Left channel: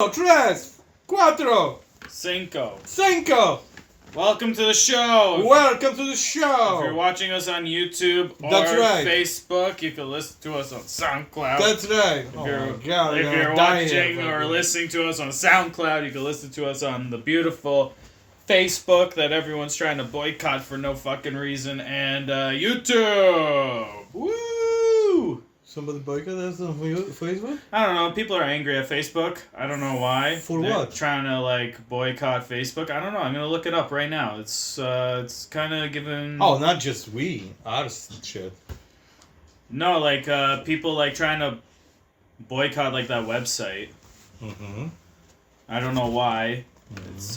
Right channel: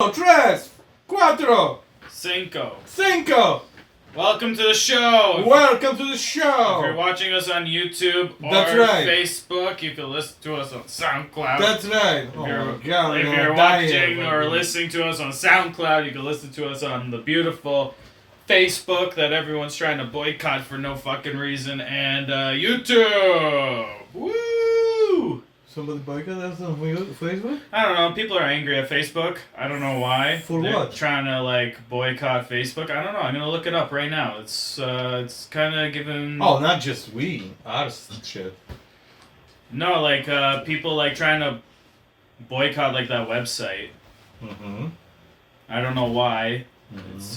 Tres, cuatro, Cinco. cinco. Welcome to the show. Welcome to the show. If you're watching us on YouTube or That's right. Facebook, you can listen to us on SoundCloud. That's right. If Oh you're, my God, if I'm you're gonna die watching here. or listening to us on SoundCloud, you can listen to us on the beautiful Facebook that everyone's trying to boycott for no fucking reason, and YouTube. Woo! Somebody boycott us on Facebook? I don't know. People are angry at Facebook. I don't know why. For They're what? Trying to boycott Facebook. I don't know. I'm gonna look it up right now. It's kind of giving. Oh, not just we. Ours shit. No, people trying to boycott that website. Mm-hmm. I don't know why. Mm-hmm. It's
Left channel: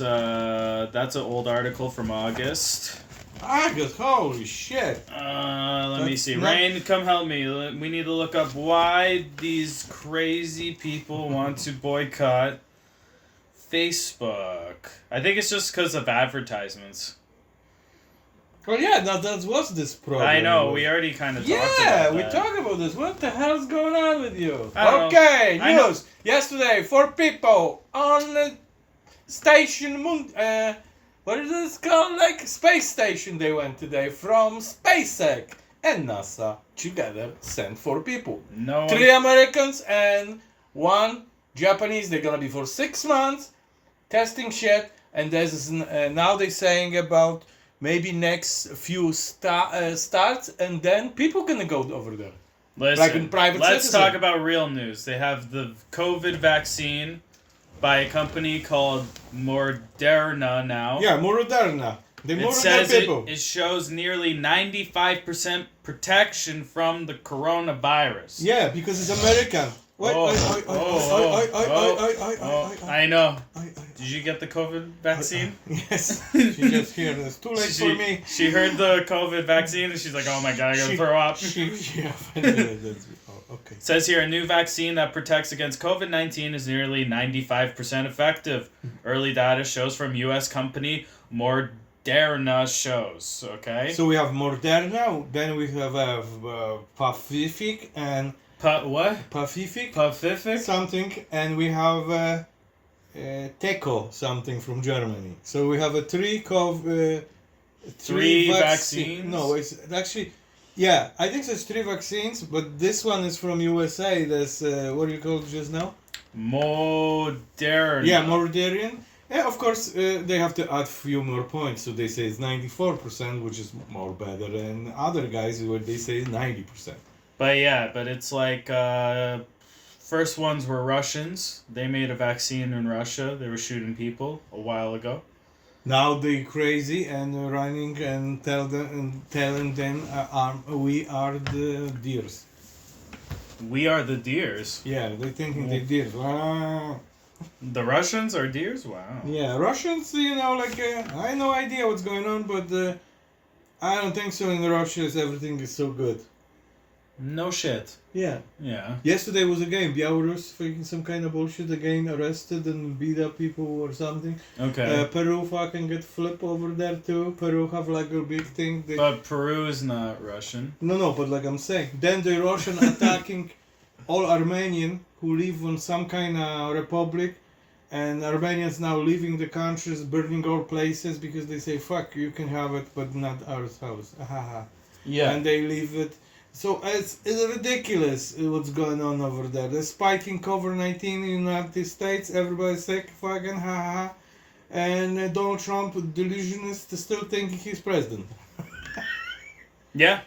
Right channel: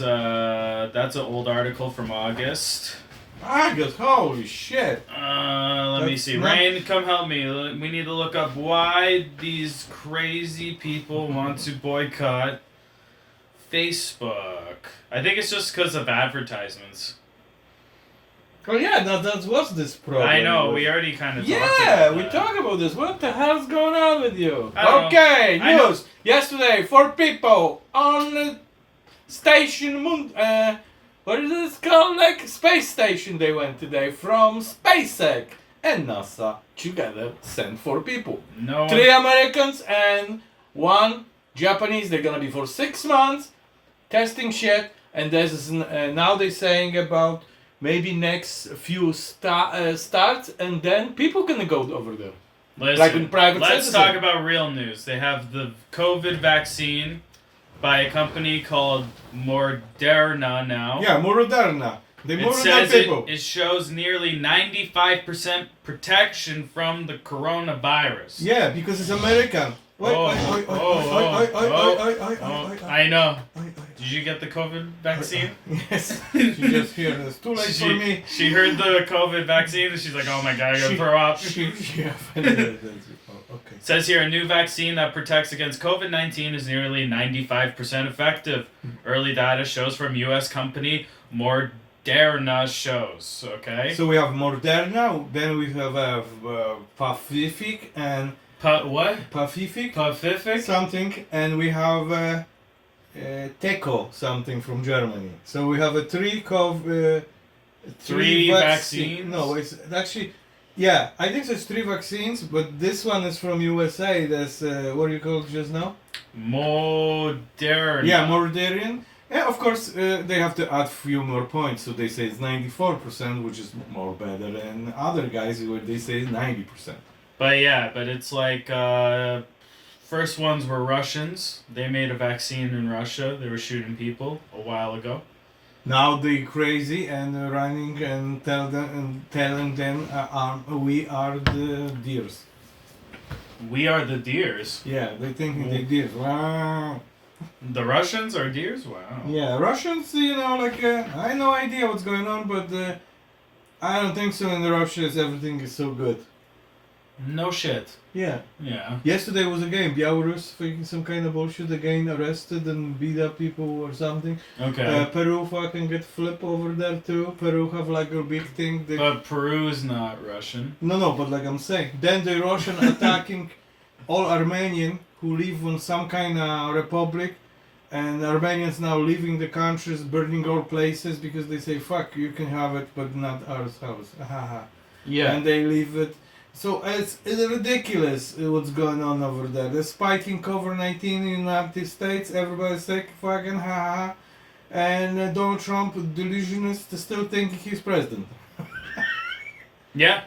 that's an old article from August. August, holy shit. Let me see. Rain, come help me. We need to look up why these crazy people want to boycott Facebook. I think it's just because of advertisements. Oh yeah, that was this problem. I know, we already kind of talked about Yeah, that. we talked about this. What the hell's going on with you? I don't Okay, know. news. Yesterday, 4 people on the station, what is this called? Space station they went today from SpaceX and NASA together sent 4 people. No. 3 Americans and 1 Japanese. They're gonna be for 6 months testing shit. And there's now they're saying about maybe next few starts, and then people gonna go over there. Listen, in private let's citizen. talk about real news. They have the COVID vaccine by a company called Moderna now. Yeah, Moderna. They It Moderna says people. it shows nearly 95% protection from the coronavirus. Yeah, because it's American. I know. Did you get the COVID vaccine? Yes. She just heard it's too late for me. She heard the COVID vaccine and she's like, oh my god, I gotta throw up. Okay. It says here, a new vaccine that protects against COVID-19 is nearly 95% effective. Early data shows from U.S. company Moderna shows, okay? So we have Moderna, then we have Pacific and What? Pacific Pacific? something, and we have Teco something from Germany. So we have three vaccines? No, it's actually, yeah, I think there's 3 vaccines, but this one is from USA. That's what do you call it just now? Moderna. Yeah, Moderna. Yeah, of course, they have to add few more points, so they say it's 94%, which is more better than other guys where they say 90%. But it's first ones were Russians. They made a vaccine in Russia. They were shooting people a while ago. Now they crazy and running and telling them we are the deers. We are the deers. Yeah, they thinking they deers. The Russians are deers? Wow. Yeah, Russians, I have no idea what's going on, but I don't think so. In Russia, everything is so good. No shit. Yeah. Yeah. Yesterday was a game. Belarus faking some kind of bullshit again, arrested and beat up people or something. Okay. Peru fucking get flip over there too. Peru have a big thing. But Peru's not Russian. No, but I'm saying. Then the Russian attacking all Armenian who live in some kind of republic, and Armenians now leaving the countries, burning all places because they say, fuck, you can have it, but not our house. Yeah. And they leave it. So it's ridiculous what's going on over there. They're spiking COVID-19 in the United States. Everybody's sick, fucking and Donald Trump, delusionist, still thinking he's president. Yeah.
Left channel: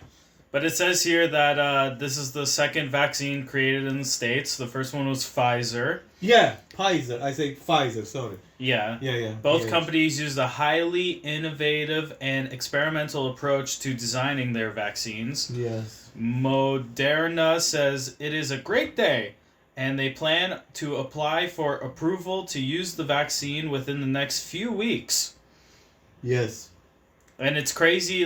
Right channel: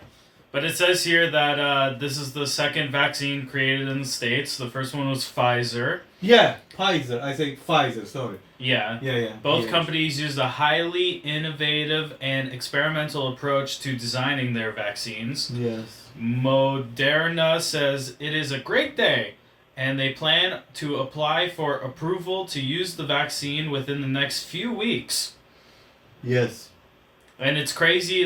But it says here that this is the second vaccine created in the States. The first one was Pfizer. Yeah, Pfizer. I say Pfizer, sorry. Yeah. Yeah. Both companies used a highly innovative and experimental approach to designing their vaccines. Yes. Moderna says it is a great day, and they plan to apply for approval to use the vaccine within the next few weeks. Yes. And it's crazy,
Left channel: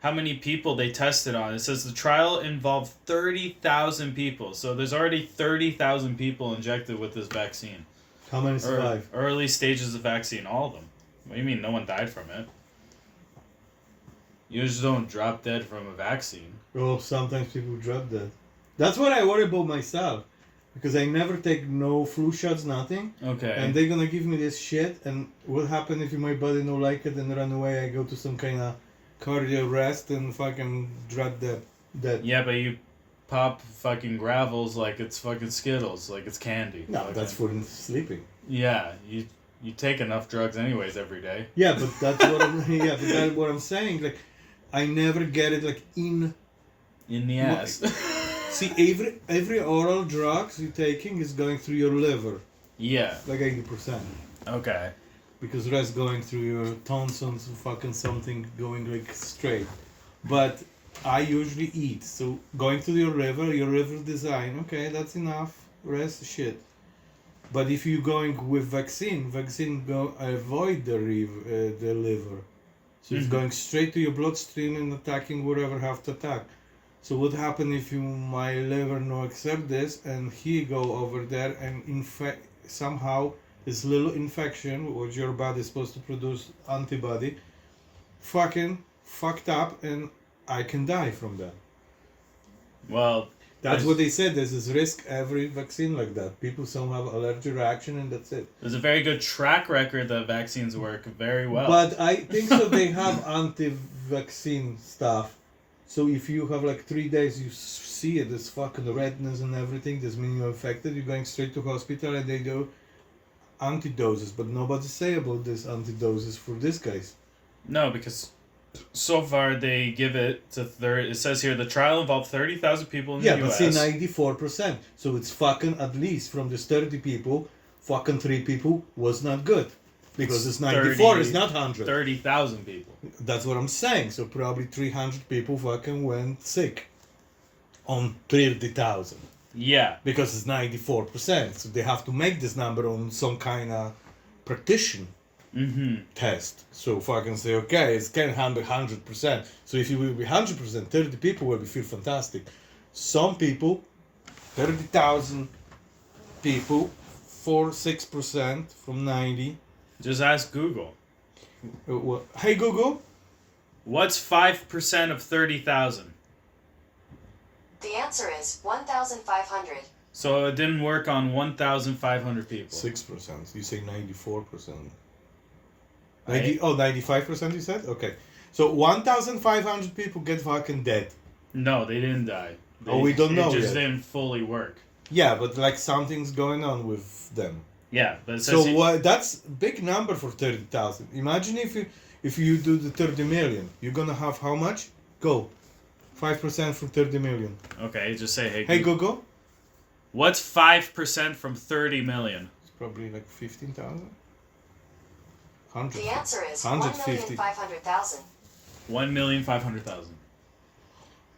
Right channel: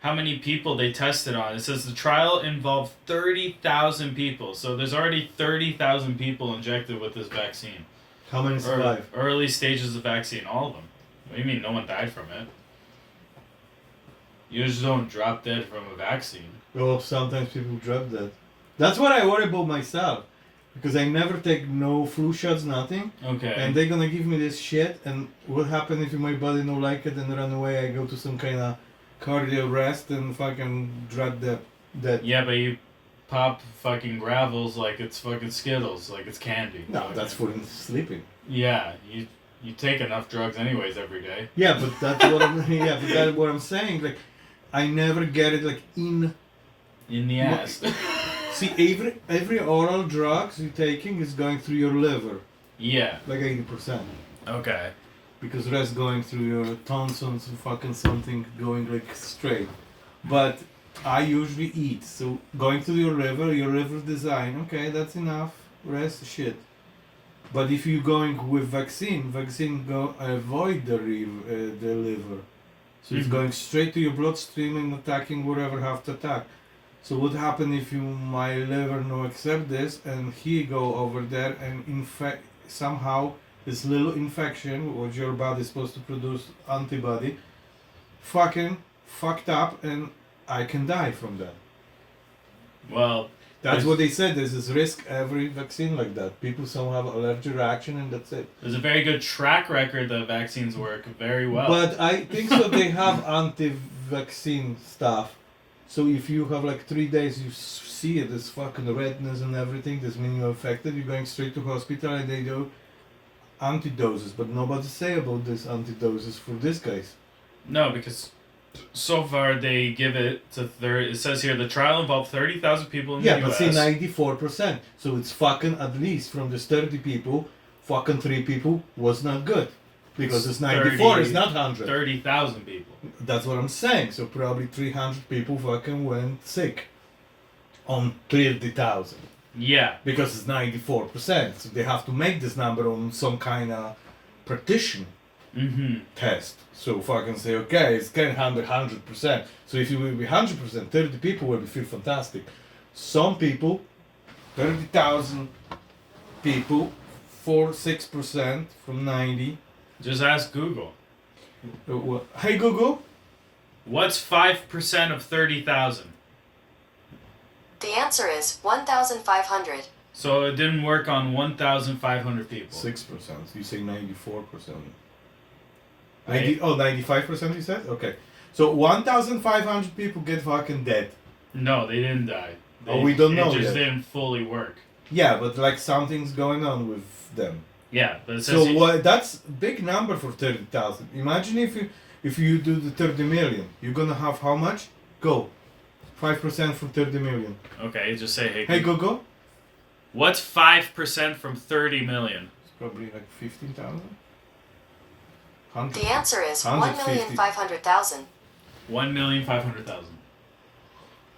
how many people they tested on. It says the trial involved 30,000 people. So there's already 30,000 people injected with this vaccine. How many survive? Early stages of vaccine, all of them. What do you mean no one died from it? You just don't drop dead from a vaccine. Oh, sometimes people drop dead. That's what I worry about myself. because I never take no flu shots, nothing. Okay. And they're gonna give me this shit, and what happen if my body don't like it and run away? I go to some kind of cardio rest and fucking dread that. Yeah, but you pop fucking gravels like it's fucking Skittles, like it's candy. No, Fucking- that's for sleeping. Yeah, you take enough drugs anyways every day. Yeah, but that's what I'm. Yeah, but that's what I'm saying. Like, I never get it like in. In the ass. See, every oral drugs you're taking is going through your liver, Yeah. like 80%, Okay. because the rest going through your tonsils, fucking something going like straight. But I usually eat, so going to your liver design, okay, that's enough. Rest shit. But if you're going with vaccine go avoid the liver, so it's Mhm. going straight to your bloodstream and attacking whatever have to attack. So what happen if my liver no accept this and he go over there and infect somehow this little infection which your body is supposed to produce antibody, fucking fucked up, and I can die from that. Well, That's what they said. There's this risk every vaccine like that. People somehow have allergic reaction and that's it. there's a very good track record that vaccines work very well. But I think so. They have anti-vaccine stuff. So if you have like 3 days, you see it, this fucking redness and everything, this means you're infected, you're going straight to hospital and they do antidoses. But nobody say about this antidoses for this case. No, because so far they give it to it says here the trial involved 30,000 people in Yeah, the but US. see 94%. So it's fucking at least from this 30 people, fucking 3 people was not good. Because it's 94, it's not 100. 30,000 people. That's what I'm saying. So probably 300 people fucking went sick on 30,000. Yeah. Because it's 94%. So they have to make this number on some kind of practitioner test. So fucking say, okay, it's getting 100%. So if you will be 100%, 30 people will feel fantastic. Some people, 30,000 people, 6% from 90. Just ask Google. Hey Google. What's 5% of 30,000? The answer is 1,500. So it didn't work on 1,500 people. 6%. You say 94%. Right. 95% you said? Okay. So 1,500 people get fucking dead. No, they didn't die. We don't know It just yet. didn't fully work. Yeah, but like something's going on with them. Yeah, but it says So that's big number for 30,000. Imagine if you do the 30 million, you're gonna have how much? Go. 5% from 30 million. Okay, just say, hey, Hey Google, Google. what's 5% from 30 million? It's probably like 15,000. The answer is 150. 1,500,000. 1,500,000.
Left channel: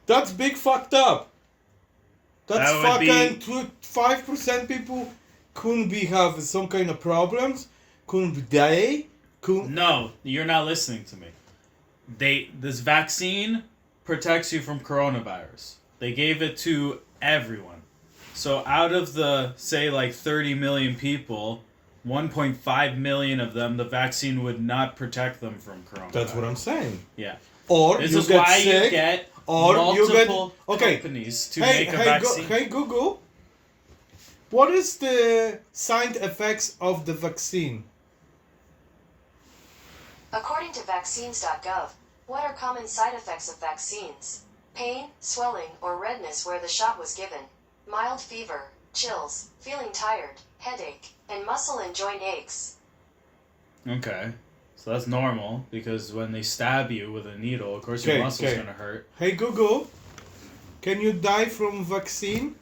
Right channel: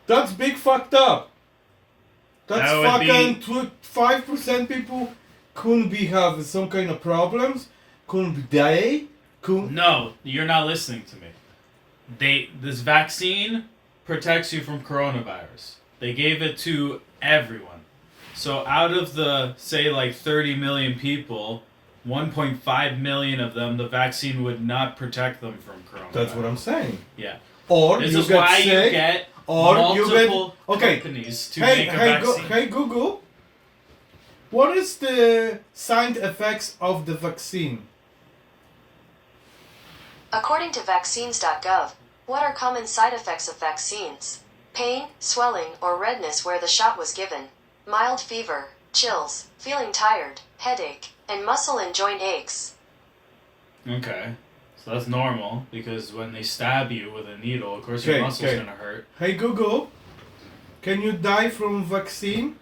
That's big fucked up. That's That would fucking 5% people couldn't be have some kind of problems, couldn't be die, couldn't. No, you're not listening to me. This vaccine protects you from coronavirus. They gave it to everyone. So out of the, say, like 30 million people, 1.5 million of them, the vaccine would not protect them from coronavirus. That's what I'm saying. Yeah. Or This you is get why sick, you get or you get multiple okay. companies to Hey, make a vaccine. hey Google. What is the side effects of the vaccine? According to vaccines.gov, what are common side effects of vaccines? Pain, swelling, or redness where the shot was given, mild fever, chills, feeling tired, headache, and muscle and joint aches. Okay. So that's normal, because when they stab you with a needle, of course your Okay, muscle's okay. gonna hurt. Hey Google, can you die from vaccine?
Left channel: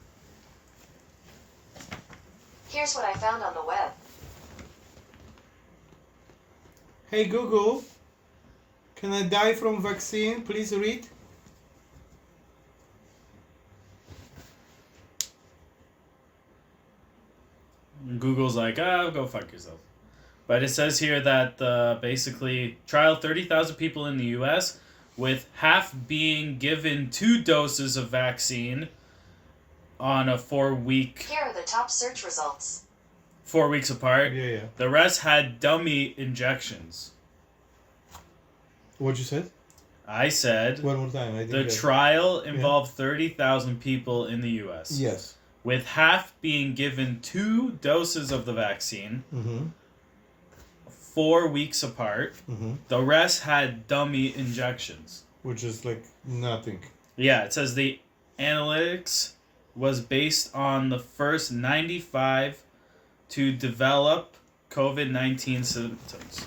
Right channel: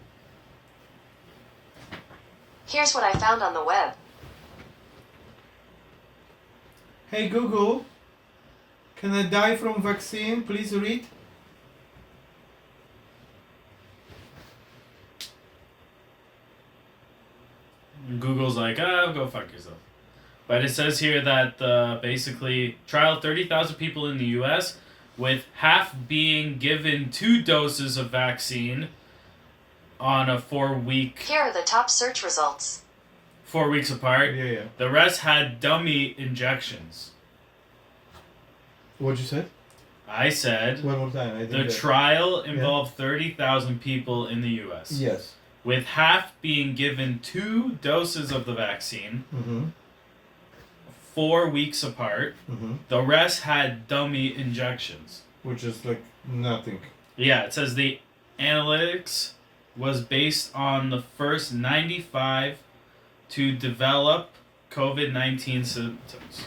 Here's what I found on the web. Hey Google, can I die from vaccine? Please read. Google's like, go fuck yourself. But it says here that basically trial 30,000 people in the U.S. with half being given 2 doses of vaccine on a 4-week, Here are the top search results. 4 weeks apart. Yeah. The rest had dummy injections. What you said? I said One more time. I the didn't get it. trial involved 30,000 people in the U.S. Yes. with half being given 2 doses of the vaccine, 4 weeks apart. The rest had dummy injections. Which is like nothing. Yeah, it says the analytics was based on the first 95 to develop COVID-19 symptoms.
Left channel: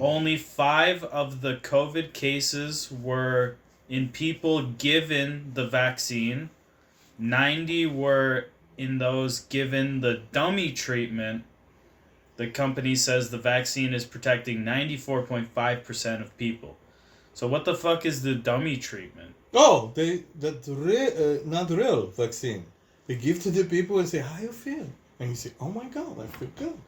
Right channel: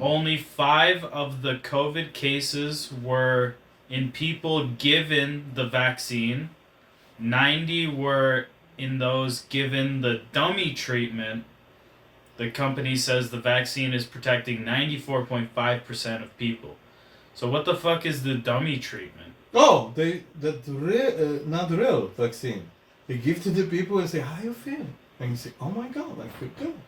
Only 5 of the COVID cases were in people given the vaccine. 90 were in those given the dummy treatment. The company says the vaccine is protecting 94.5% of people. So what the fuck is the dummy treatment? Oh, not real vaccine. They give to the people and say, how you feel? And you say, oh my God, I feel good.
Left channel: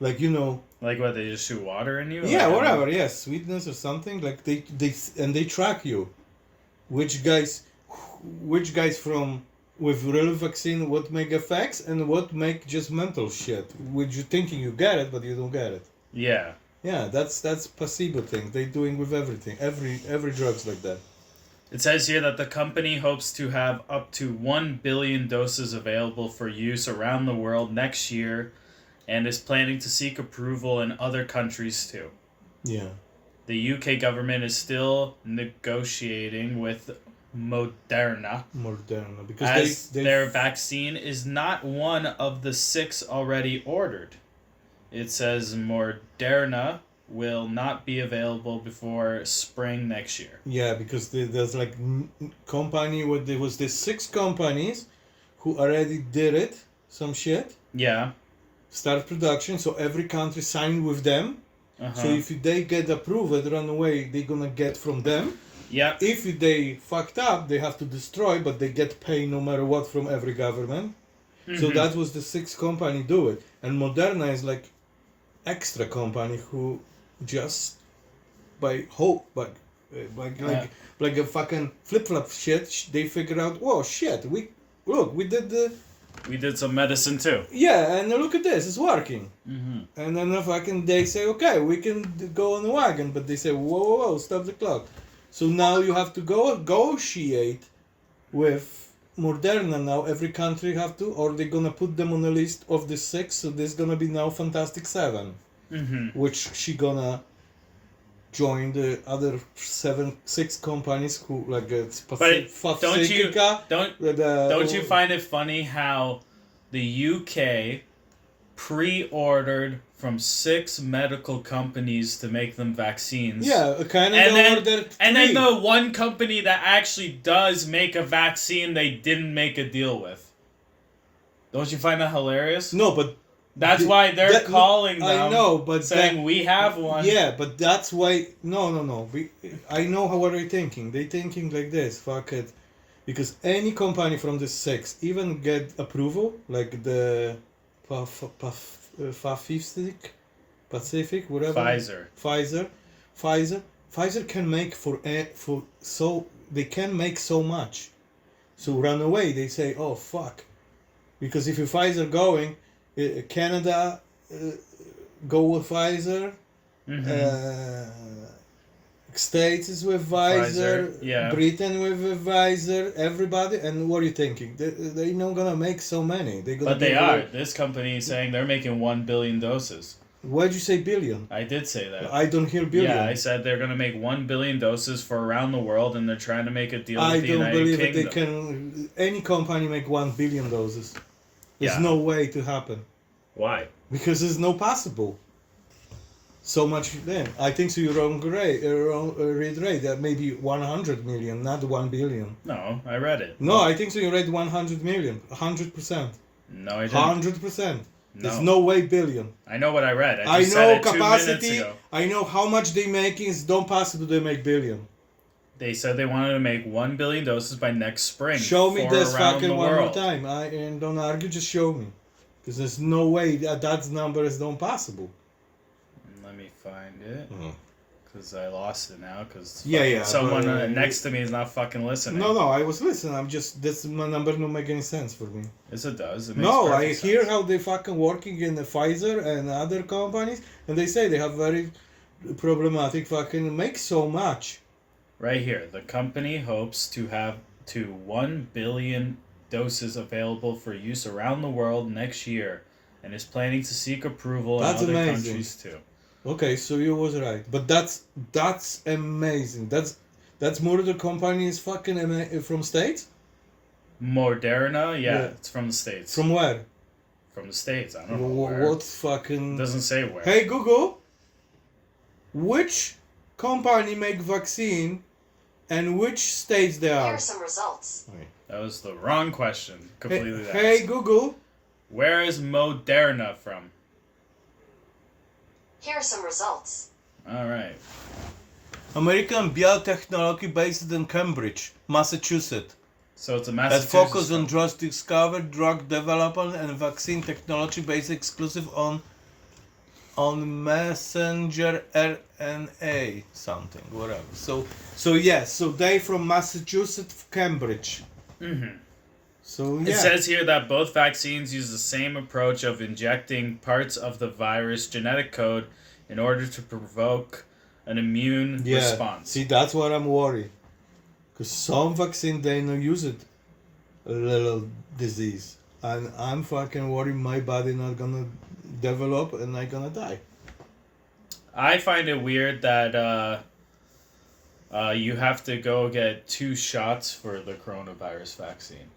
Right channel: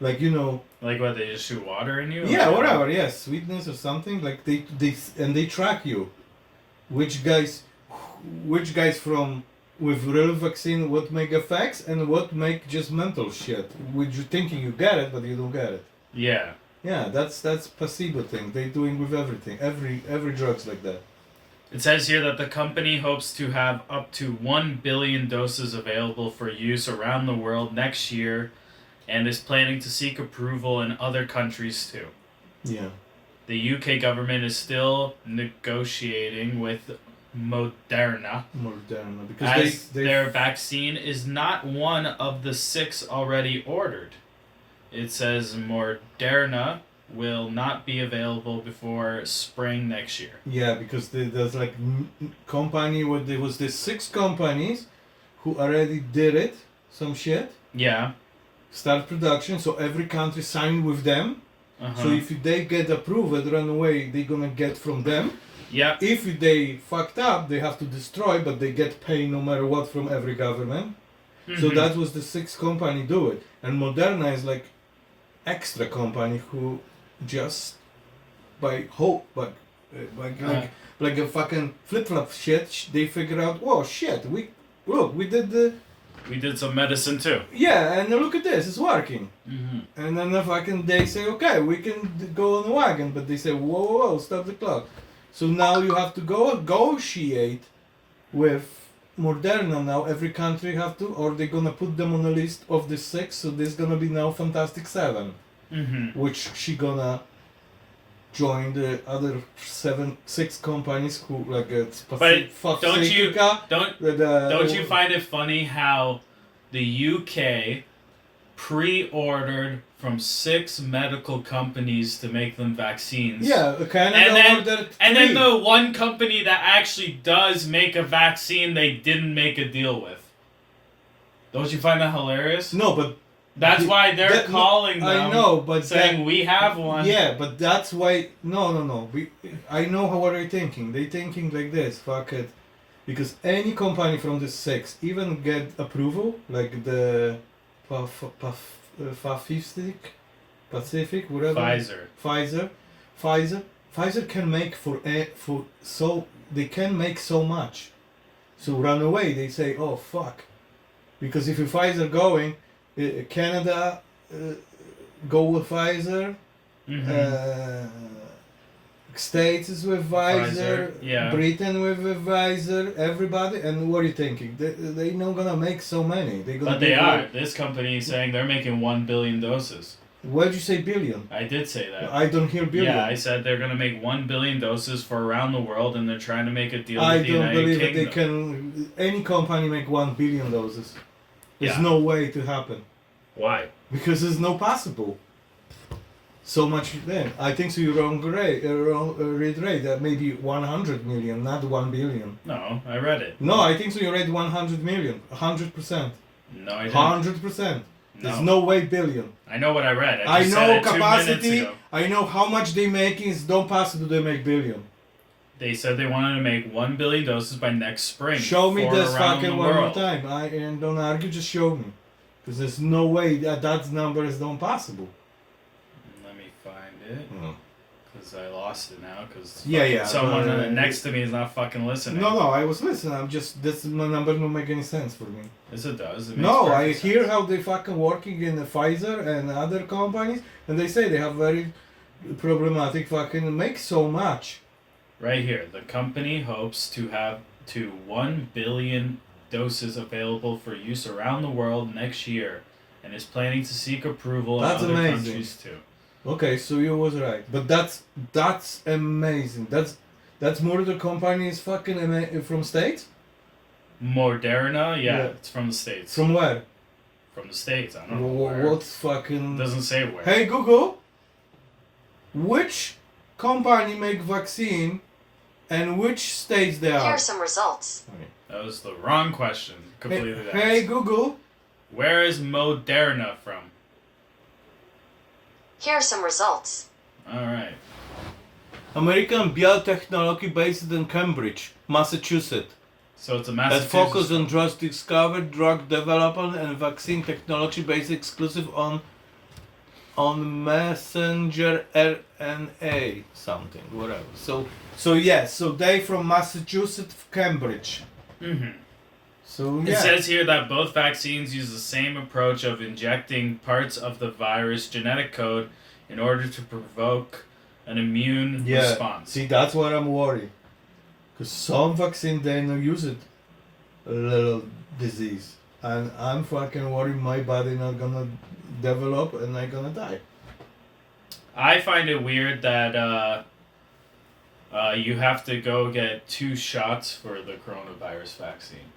Like, you know. Like what, they just shoot water in you? Yeah, whatever, yes. Sweetness or something. Like they track you. Which guys from with real vaccine what make effects and what make just mental shit. Which you thinking you get it, but you don't get it. Yeah. Yeah, that's placebo thing. They doing with everything. Every drug's like that. It says here that the company hopes to have up to 1 billion doses available for use around the world next year and is planning to seek approval in other countries too. Yeah. The UK government is still negotiating with Moderna because as their vaccine is not one of the 6 already ordered. It says Moderna will not be available before spring next year. Yeah, because there's like company where there was these 6 companies who already did it, some shit. Yeah. Start production, so every country signed with them. So if they get approved right away, they're gonna get from them. Yeah. If they fucked up, they have to destroy, but they get paid no matter what from every government. So that was the 6 company do it, and Moderna is like extra company who just by hope, but like a fucking flip flop shit, they figure out, oh shit, we did some medicine too. Yeah, and look at this, it's working. And then they say, okay, we can go on the wagon, but they say, whoa, stop the clock. So now you have to go negotiate with Moderna now. Every country have to, or they're gonna put them on the list of the 6. So there's gonna be now Fantastic 7, which she gonna join the other 6 companies who like But don't you find it funny how the UK pre-ordered from 6 medical companies to make them vaccines? Yeah, Canada ordered 3. And then the one company that actually does make a vaccine they didn't make a deal with. Don't you find that hilarious? No, but that's why they're calling them. I know, but saying we have one. Yeah, but that's why. No. I know how are they thinking. They thinking like this. Fuck it, because any company from the 6 even get approval, like the Pacific, whatever. Pfizer can make they can make so much. So run away. They say, oh fuck, because if Pfizer going. Canada go with Pfizer. States is with Pfizer. Yeah. Britain with Pfizer. Everybody. And what are you thinking? They not gonna make so many. But they are. This company is saying they're making 1 billion doses. Why'd you say billion? I did say that. I don't hear billion. Yeah, I said they're gonna make 1 billion doses for around the world, and they're trying to make a deal with the United believe Kingdom. that they can. Any company make 1 billion doses. There's no way to happen. Why? Because it's no possible. So much then. I think so. You're wrong read rate. That maybe 100 million, not 1 billion. No, I read it. No, I think so. You read 100 million, 100%. No, I didn't. 100%. No. There's no way billion. I know what I read. I just know said it capacity. 2 minutes ago. I know how much they making. It's not possible they make billion. They said they wanted to make 1 billion doses by next spring. Show me this fucking one more world. time. And don't argue. Just show me. Because there's no way that number is not possible. Let me find it. Because I lost it now. Because someone next to me is not fucking listening. No, I was listening. I'm just, this my number don't make any sense for me. Yes, it does. It No, I makes hear sense. how they fucking working in the Pfizer and other companies, and they say they have very problematic fucking make so much. Right here, the company hopes to have to 1 billion doses available for use around the world next year, and is planning to seek approval That's in other amazing. countries too. Okay, so you was right, but that's amazing. That's Murder Company is fucking from States. Moderna, yeah, Yeah. it's from the States. From where? From the States, I don't know where. What fucking? It doesn't say where. Hey Google, which company make vaccine, and which states they Here are? are some results. That was the wrong question. Completely. Hey Google, Where is Moderna from? Here are some results. All right. American biotechnology based in Cambridge, Massachusetts. So it's a That Massachusetts. focus on drug discovery, drug development, and vaccine technology based exclusive on messenger RNA something whatever. So they from Massachusetts, Cambridge. Mm-hmm. So It yeah. says here that both vaccines use the same approach of injecting parts of the virus genetic code in order to provoke an immune response. See, that's what I'm worried. Because some vaccine they don't use it a little disease, and I'm fucking worried my body not gonna develop and I gonna die. I find it weird that you have to go get 2 shots for the coronavirus vaccine.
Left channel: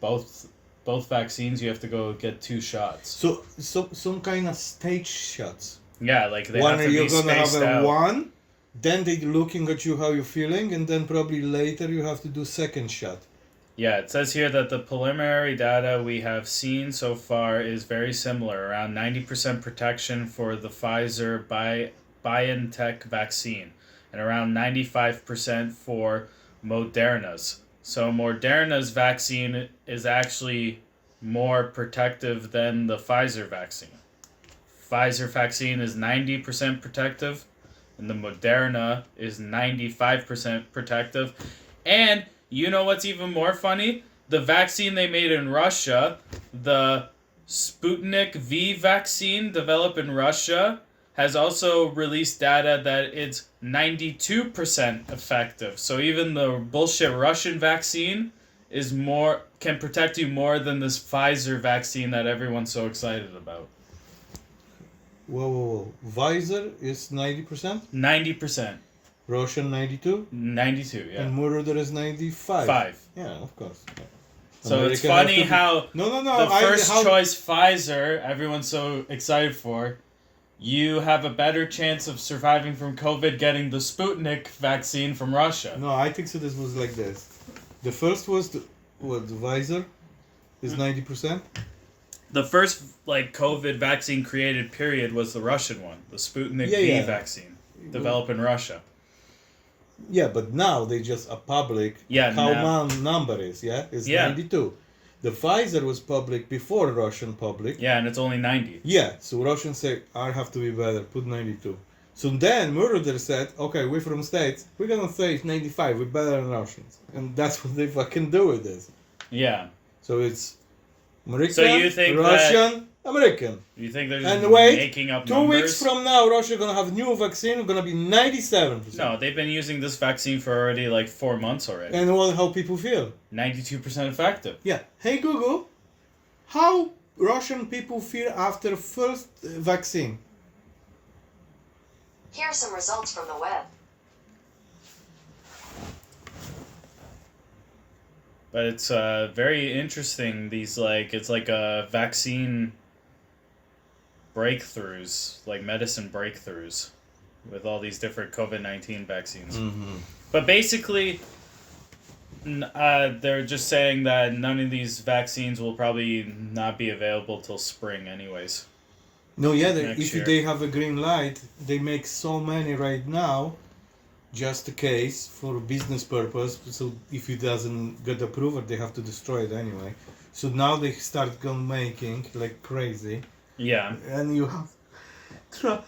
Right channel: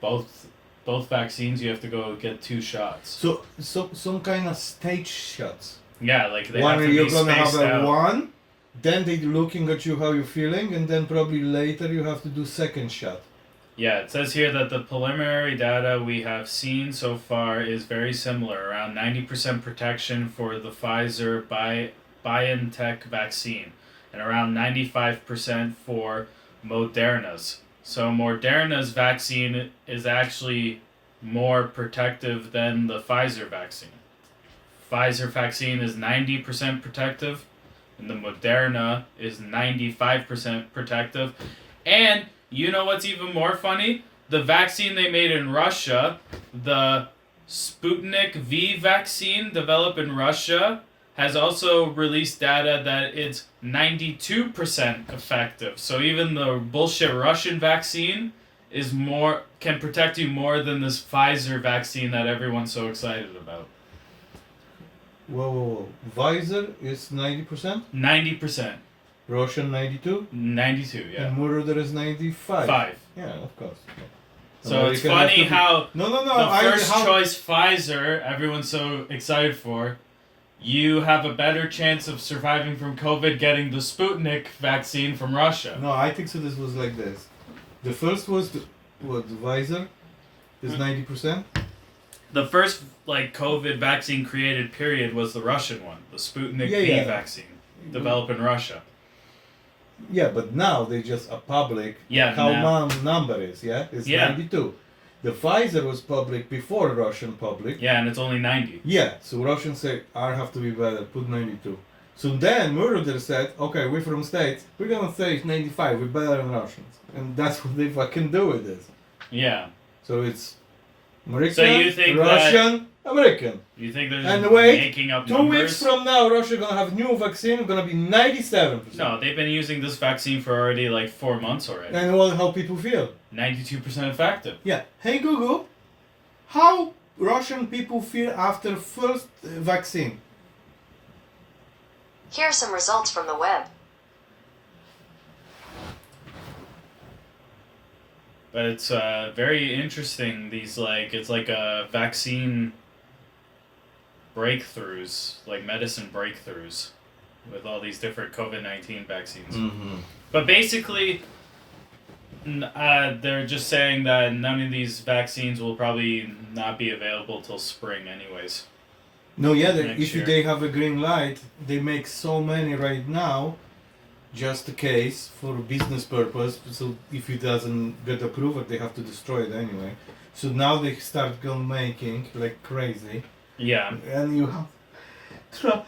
Both vaccines, you have to go get 2 shots. So some kind of stage shots. Yeah, like they One have to you're be gonna have spaced a out. one, then they looking at you how you're feeling, and then probably later you have to do second shot. Yeah, it says here that the preliminary data we have seen so far is very similar, around 90% protection for the Pfizer BioNTech vaccine, and around 95% for Moderna's. So Moderna's vaccine is actually more protective than the Pfizer vaccine. Pfizer vaccine is 90% protective, and the Moderna is 95% protective. And you know what's even more funny? The vaccine they made in Russia, the Sputnik V vaccine developed in Russia, has also released data that it's 92% effective. So even the bullshit Russian vaccine can protect you more than this Pfizer vaccine that everyone's so excited about. Whoa. Pfizer is 90%, 90%. Russian 92, 92, yeah. and Murder is 95. 5. Yeah, of course. Yeah. So American it's has funny to be- how No. the first choice Pfizer, everyone's so excited for, you have a better chance of surviving from COVID getting the Sputnik vaccine from Russia. No, I think so. This was like this. The first was the Pfizer is 90%. The first COVID vaccine created period was the Russian one, the Sputnik Yeah, V yeah. vaccine, developed in Russia. Yeah, but now they just a public. Yeah, How now- number is It's Yeah. 92. The Pfizer was public before Russian public. Yeah, and it's only 90. Yeah, so Russians say I have to be better. Put 92. So then Murder said, okay, we're from States. We're gonna say it's 95. We're better than Russians, and that's what they fucking do with this. Yeah. So it's American, So you think Russian, American. You think they're just And wait, making up 2 numbers? weeks from now, Russia gonna have new vaccine. Gonna be 97%. No, they've been using this vaccine for already 4 months already. And what? How people feel? 92% effective. Yeah. Hey Google, how Russian people feel after first vaccine? Here are some results from the web. But it's very interesting. These it's like a vaccine breakthroughs, like medicine breakthroughs, with all these different COVID-19 vaccines. Mm-hmm. But basically, they're just saying that none of these vaccines will probably not be available till spring, anyways. No, yeah. Next If year. they have a green light, they make so many right now, just a case for business purpose. So if it doesn't get approved, they have to destroy it anyway. So now they start making like crazy. Yeah. And you have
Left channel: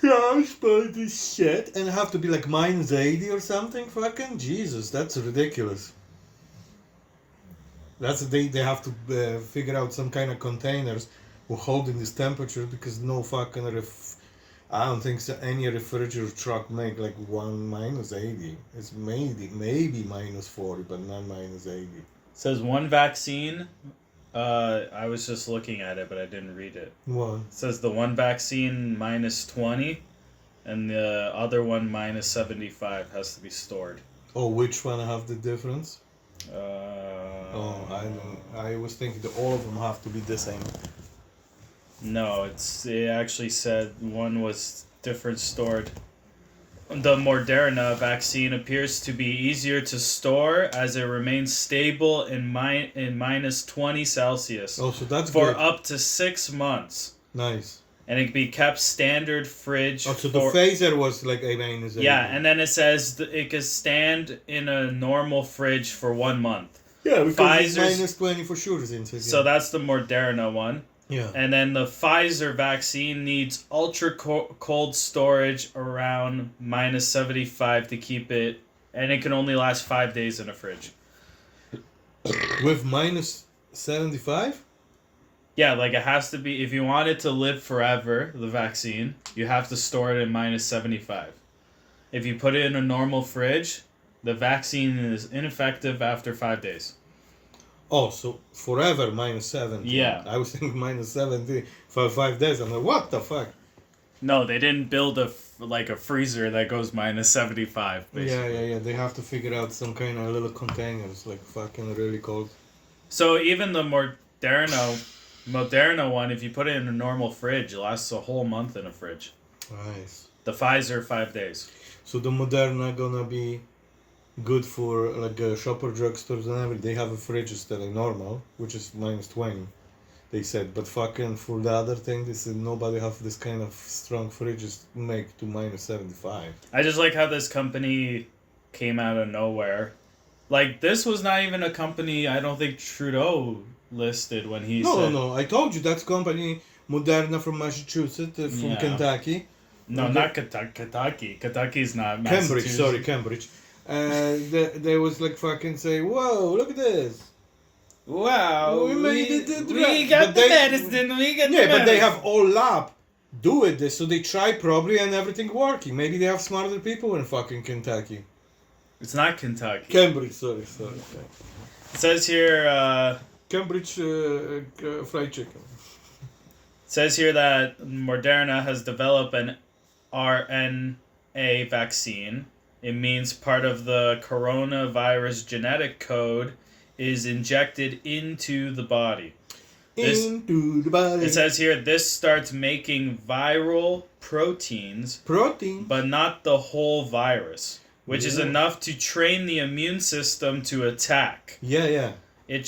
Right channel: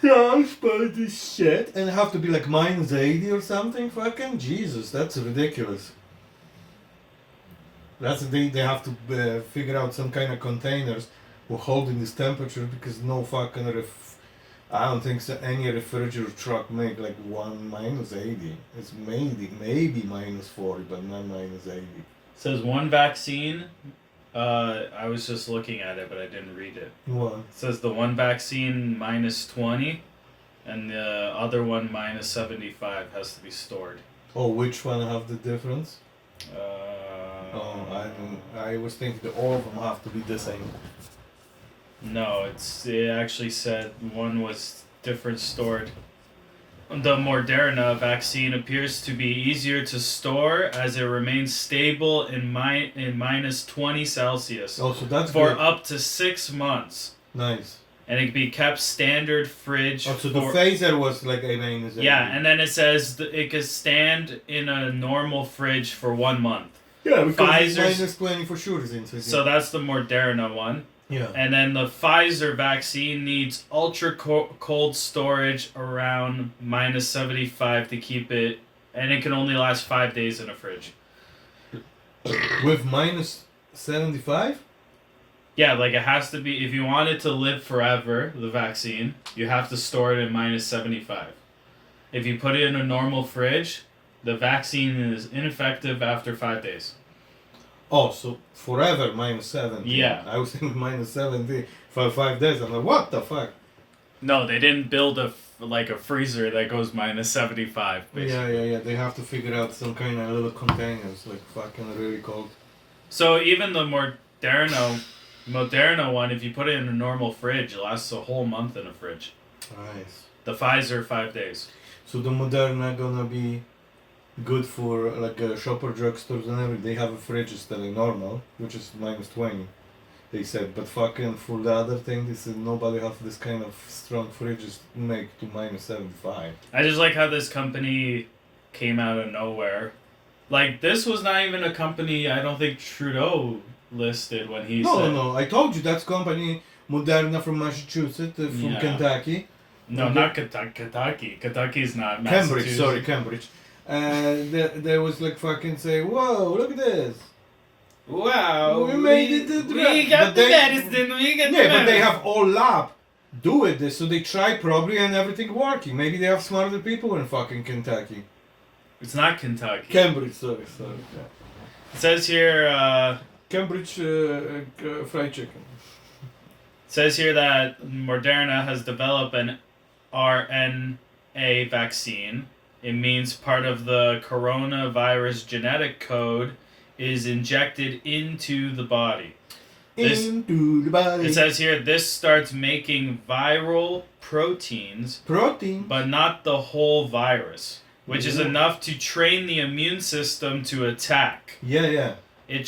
transport this shit and have to be like -80 or something. Fucking Jesus, that's ridiculous. They have to figure out some kind of containers for holding this temperature, because no fucking I don't think so any refrigerator truck make -1 -80. It's maybe -40, but not -80. says one vaccine. I was just looking at it, but I didn't read it. Well, It says the one vaccine minus 20, and the other one minus 75 has to be stored. oh, which one have the difference? Oh, I was thinking that all of them have to be the same. No, it actually said one was different stored. The Moderna vaccine appears to be easier to store as it remains stable in minus 20 Celsius Oh, so that's for good. up to 6 months. Nice. And it can be kept standard fridge. Oh, so the phaser was like amazing. Yeah, and then it says it can stand in a normal fridge for 1 month. yeah, because it's Pfizer's- minus 20 for sure. Inside. So that's the Moderna one. yeah. And then the Pfizer vaccine needs ultra cold storage around minus 75 to keep it, and it can only last 5 days in a fridge. With minus 75? Yeah, like it has to be, if you want it to live forever, the vaccine, you have to store it in minus 75. If you put it in a normal fridge, the vaccine is ineffective after 5 days. Oh, so forever minus 70. Yeah. I was thinking minus 70 for 5 days. I'm like, what the fuck? No, they didn't build a freezer that goes minus 75. Basically. Yeah. They have to figure out some kind of little containers, like fucking really cold. So even the Moderna one, if you put it in a normal fridge, it lasts a whole month in a fridge. Nice. The Pfizer, 5 days. So the Moderna gonna be good for like shopper drugstores and everything. They have a fridges that are normal, which is minus 20. They said, but fucking for the other thing, they said nobody have this kind of strong fridges to make to minus 75. I just like how this company came out of nowhere. Like, this was not even a company I don't think Trudeau listed when he said... No. I told you that's company Moderna from Massachusetts, from Yeah. Kentucky. No, not Kentucky. Kentucky's not Cambridge, Massachusetts. sorry, Cambridge. There was like fucking say, whoa, look at this. Wow. We made it to We drug. got But the they- medicine. We got the Yeah, but they medicine. have all lab do it this, so they try probably and everything working. Maybe they have smarter people in fucking Kentucky. It's not Kentucky. Cambridge, sorry. It says here... Cambridge fried chicken. says here that Moderna has developed an RNA vaccine. It means part of the coronavirus genetic code is injected into the body. This- Into the body. It says here this starts making viral proteins, Protein. but not the whole virus, which is Yeah. enough to train the immune system to attack. Yeah. It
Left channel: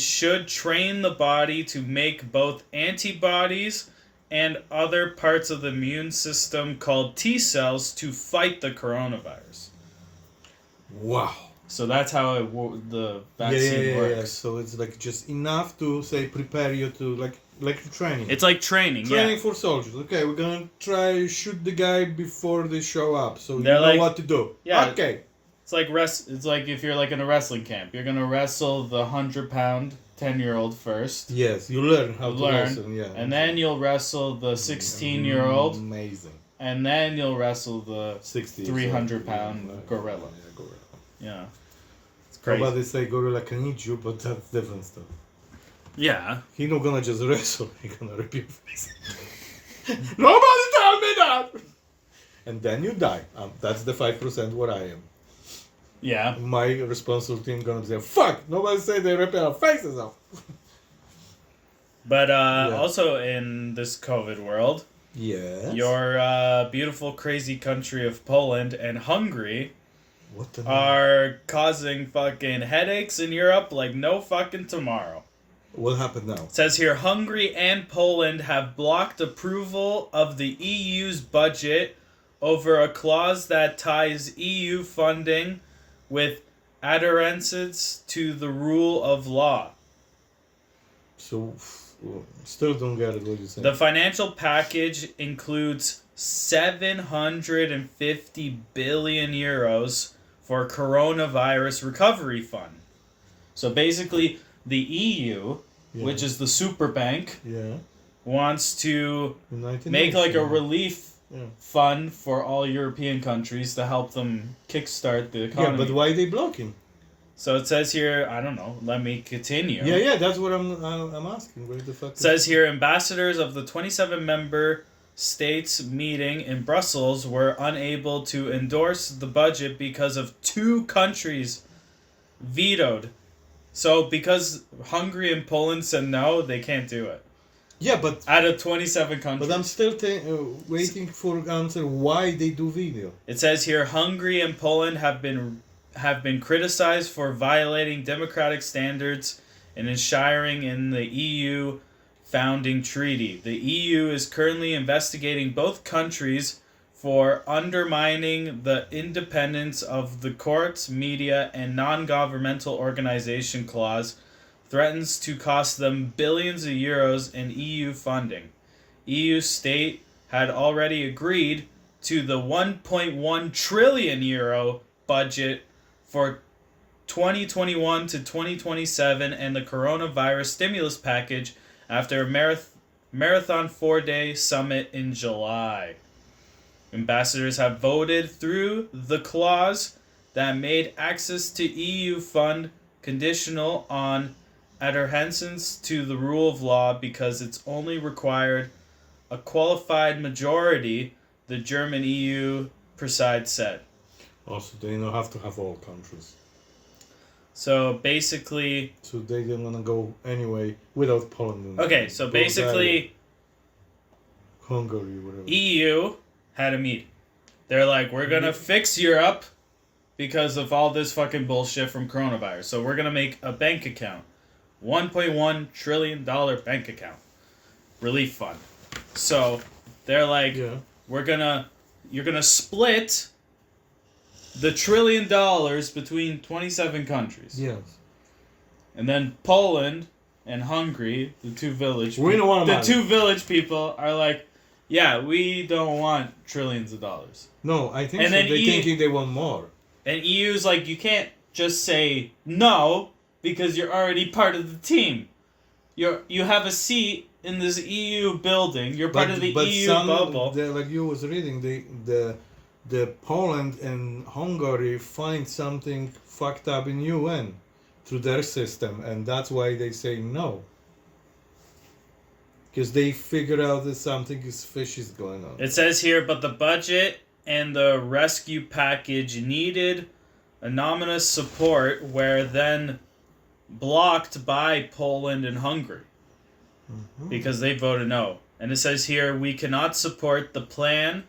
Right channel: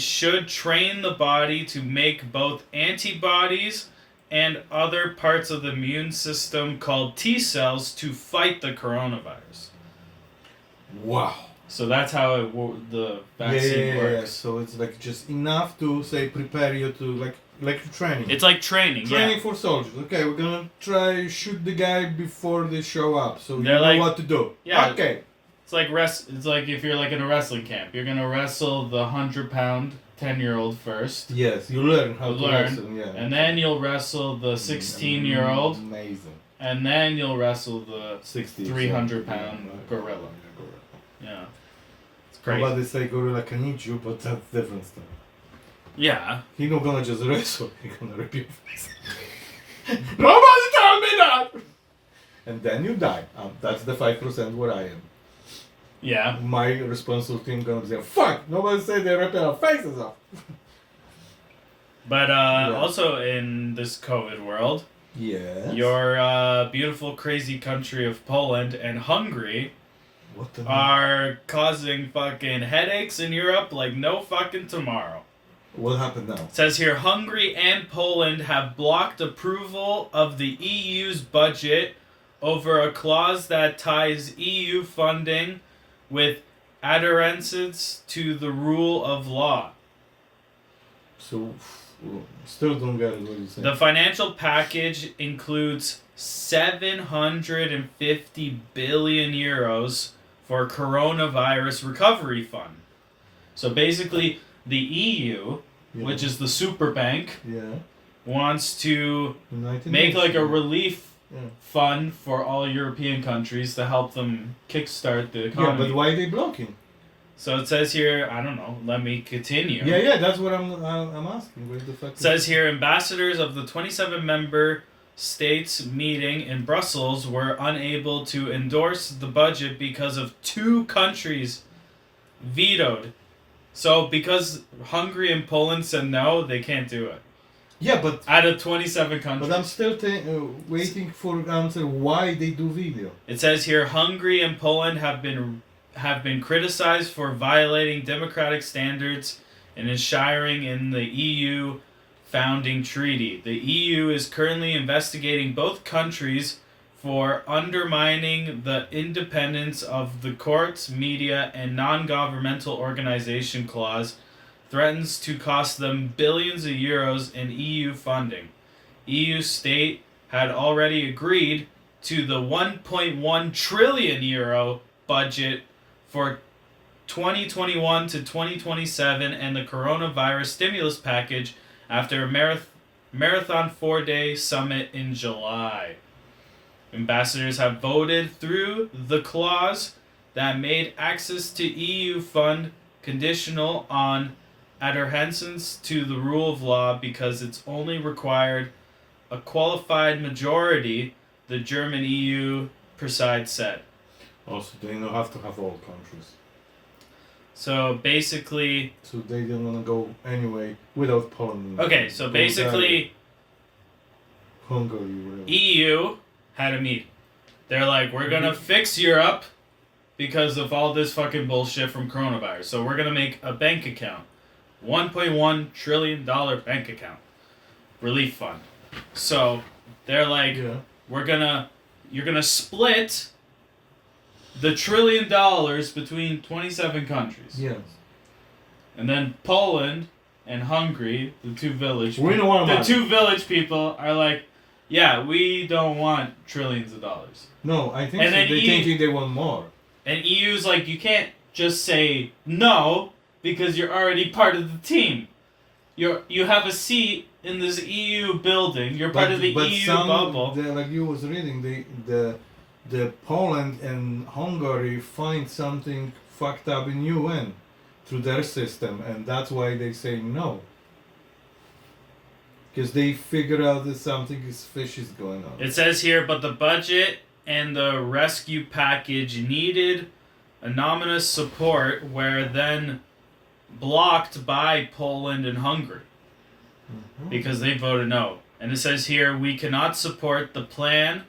should train the body to make both antibodies and other parts of the immune system called T cells to fight the coronavirus. Wow. So that's how the vaccine Yeah. works. So it's like just enough to say prepare you to like training. It's like training, Training yeah. for soldiers. Okay, we're gonna try shoot the guy before they show up, so you They're know like- what to do. Yeah. Okay. It's like It's like if you're like in a wrestling camp, you're gonna wrestle the 100-pound 10-year-old first, Yes, you learn how to Learn, wrestle. Yeah. and then you'll wrestle the 16-year-old, Amazing. and then you'll wrestle the 60. 300-pound gorilla. Yeah, gorilla. Yeah, it's crazy. Nobody say gorilla can eat you, but that's different stuff. Yeah. He not gonna just wrestle. He gonna rip your face. Nobody tell me that. And then you die. That's the 5% what I am. Yeah. My responsible team gonna say, fuck, nobody say they rip our faces off. But Yeah. also in this COVID world, Yes. your beautiful, crazy country of Poland and Hungary What the are causing fucking headaches in Europe like no fucking tomorrow. What happened now? It says here Hungary and Poland have blocked approval of the EU's budget over a clause that ties EU funding with adherence to the rule of law. So, still don't get it what you're saying. The financial package includes 750 billion euros for coronavirus recovery fund. So basically, the EU, Yeah. which is the super bank, Yeah. wants to United make like a Nations. relief Yeah. fund for all European countries to help them kickstart the Yeah, economy. but why they blocking? So it says here, I don't know, let me continue. Yeah, that's what I'm asking. What the fuck? It says here, ambassadors of the 27 member states meeting in Brussels were unable to endorse the budget because of 2 countries vetoed. So because Hungary and Poland said no, they can't do it. Yeah, but Out of 27 countries. I'm still waiting for answer why they do video. It says here, Hungary and Poland have been criticized for violating democratic standards and enshrining in the EU founding treaty. The EU is currently investigating both countries for undermining the independence of the courts, media, and non-governmental organization clause threatens to cost them billions of euros in EU funding. EU state had already agreed to the 1.1 trillion euro budget for 2021 to 2027 and the coronavirus stimulus package after a marathon 4-day summit in July. Ambassadors have voted through the clause that made access to EU fund conditional on adherence to the rule of law because it's only required a qualified majority, the German EU preside said. Also, they don't have to have all countries. So basically... So they didn't want to go anyway without Poland. Okay, so basically... Hungary, whatever. EU had a meeting. They're like, we're gonna fix Europe because of all this fucking bullshit from coronavirus. So we're gonna make a bank account. $1.1 trillion bank account. Relief fund. So they're like, you're gonna split the $1 trillion between 27 countries. Yes. And then Poland and Hungary, the two village people are like, yeah, we don't want trillions of dollars. No, I think and so. then They're thinking they want more. And EU's like, you can't just say no because you're already part of the team. You have a seat in this EU building. You're part of the EU bubble. Like you was reading, the Poland and Hungary find something fucked up in UN through their system, and that's why they say no. Because they figure out that something is fishy going on. It says here, but the budget and the rescue package needed anonymous support were then blocked by Poland and Hungary because they voted no. And it says here, we cannot support the plan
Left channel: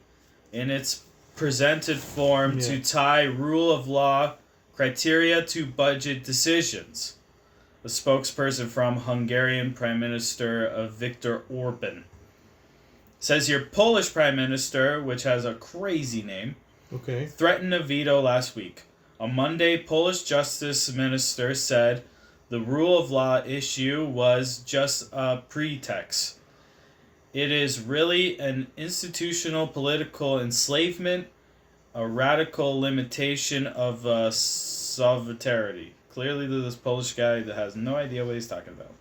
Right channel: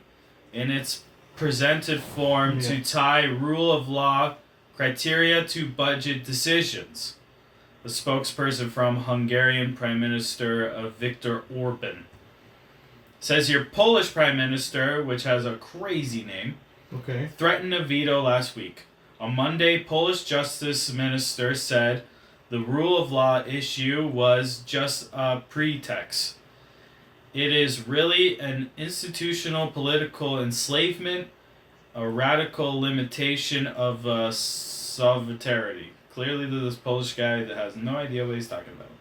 in its presented form to tie rule of law criteria to budget decisions. The spokesperson from Hungarian Prime Minister Viktor Orban says here, Polish Prime Minister, which has a crazy name, threatened a veto last week. On Monday, Polish Justice Minister said the rule of law issue was just a pretext. It is really an institutional political enslavement, a radical limitation of sovereignty. Clearly, this Polish guy that has no idea what he's talking about.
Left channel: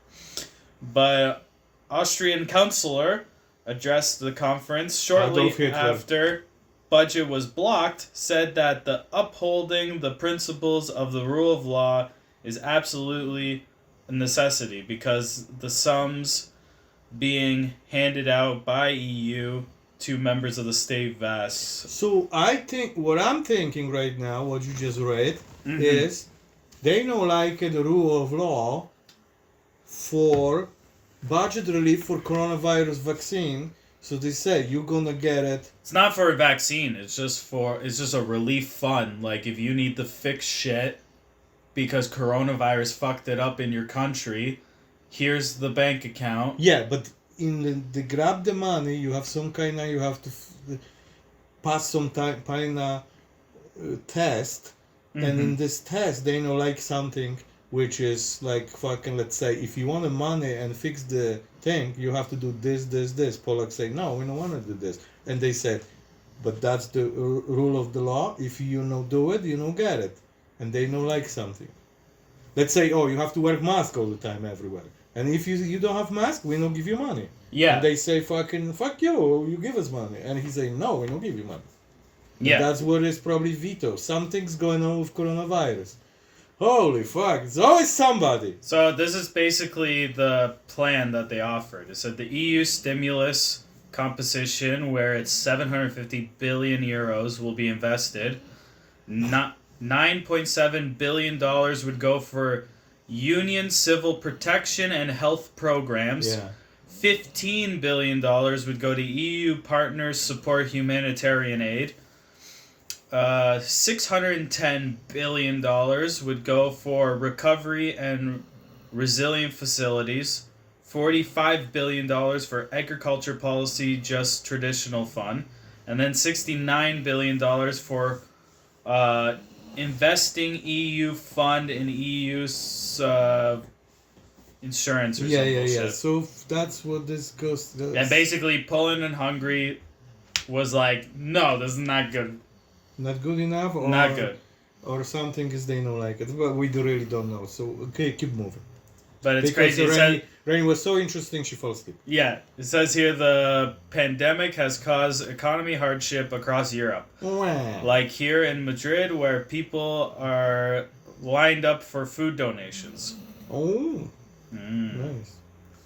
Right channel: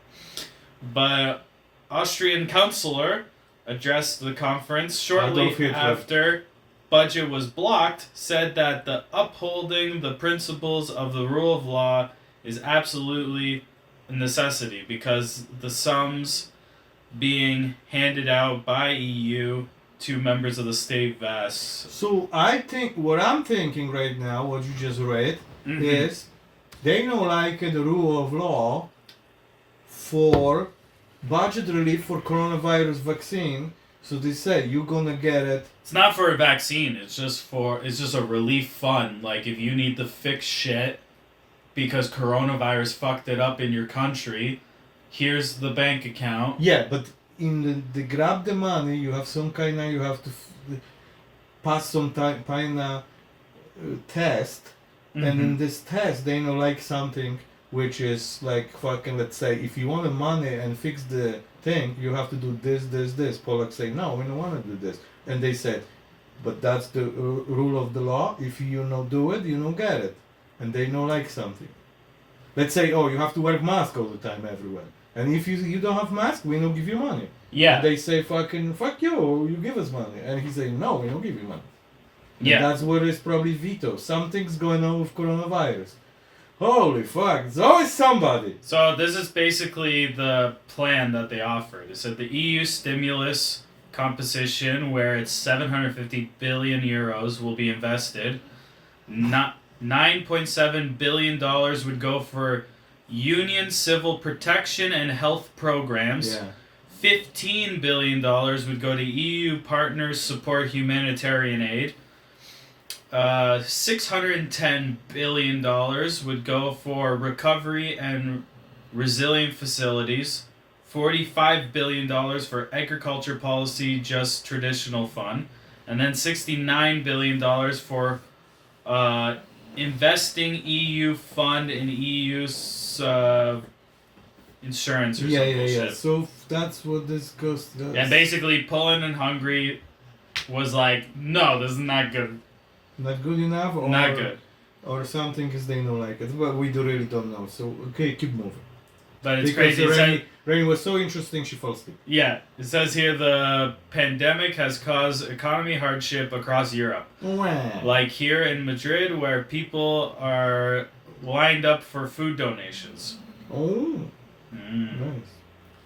But Austrian councillor addressed the conference shortly after budget was blocked, said that the upholding the principles of the rule of law is absolutely a necessity because the sums being handed out by EU to members of the state vast. So I think what I'm thinking right now, what you just read, is they know like the rule of law for budget relief for coronavirus vaccine. So they say you're gonna get it. It's not for a vaccine. It's just a relief fund. Like if you need to fix shit because coronavirus fucked it up in your country, here's the bank account. Yeah, but in the grab the money, you have some kind of, you have to pass some kind of test, and in this test they know like something which is like fucking, let's say if you want the money and fix the thing, you have to do this. Polacks say no, we don't want to do this, and they said, but that's the rule of the law. If you don't do it, you don't get it, and they know like something. Let's say, oh, you have to wear a mask all the time everywhere. And if you don't have mask, we don't give you money. Yeah. And they say fuck you give us money. And he say no, we don't give you money. Yeah. And that's what is probably veto. Something's going on with coronavirus. Holy fuck! It's always somebody. So this is basically the plan that they offered. It said the EU stimulus composition, where it's 750 billion euros will be invested. Not $9.7 billion would go for union civil protection and health programs. Yeah. $15 billion would go to EU partners support humanitarian aid. $610 billion would go for recovery and resilient facilities. $45 billion for agriculture policy, just traditional fund. And then $69 billion for investing EU fund in EU's insurance or some bullshit. So that's what this goes to. And basically Poland and Hungary was like, no, this is not good. Not good enough? Or, Not good. Or something is they don't like it. But we really don't know. So, okay, keep moving. But it's Because crazy. Rainy was so interesting, she fell asleep. Yeah, it says here the pandemic has caused economy hardship across Europe. Wow. Like here in Madrid, where people are lined up for food donations. Oh, Mm. nice.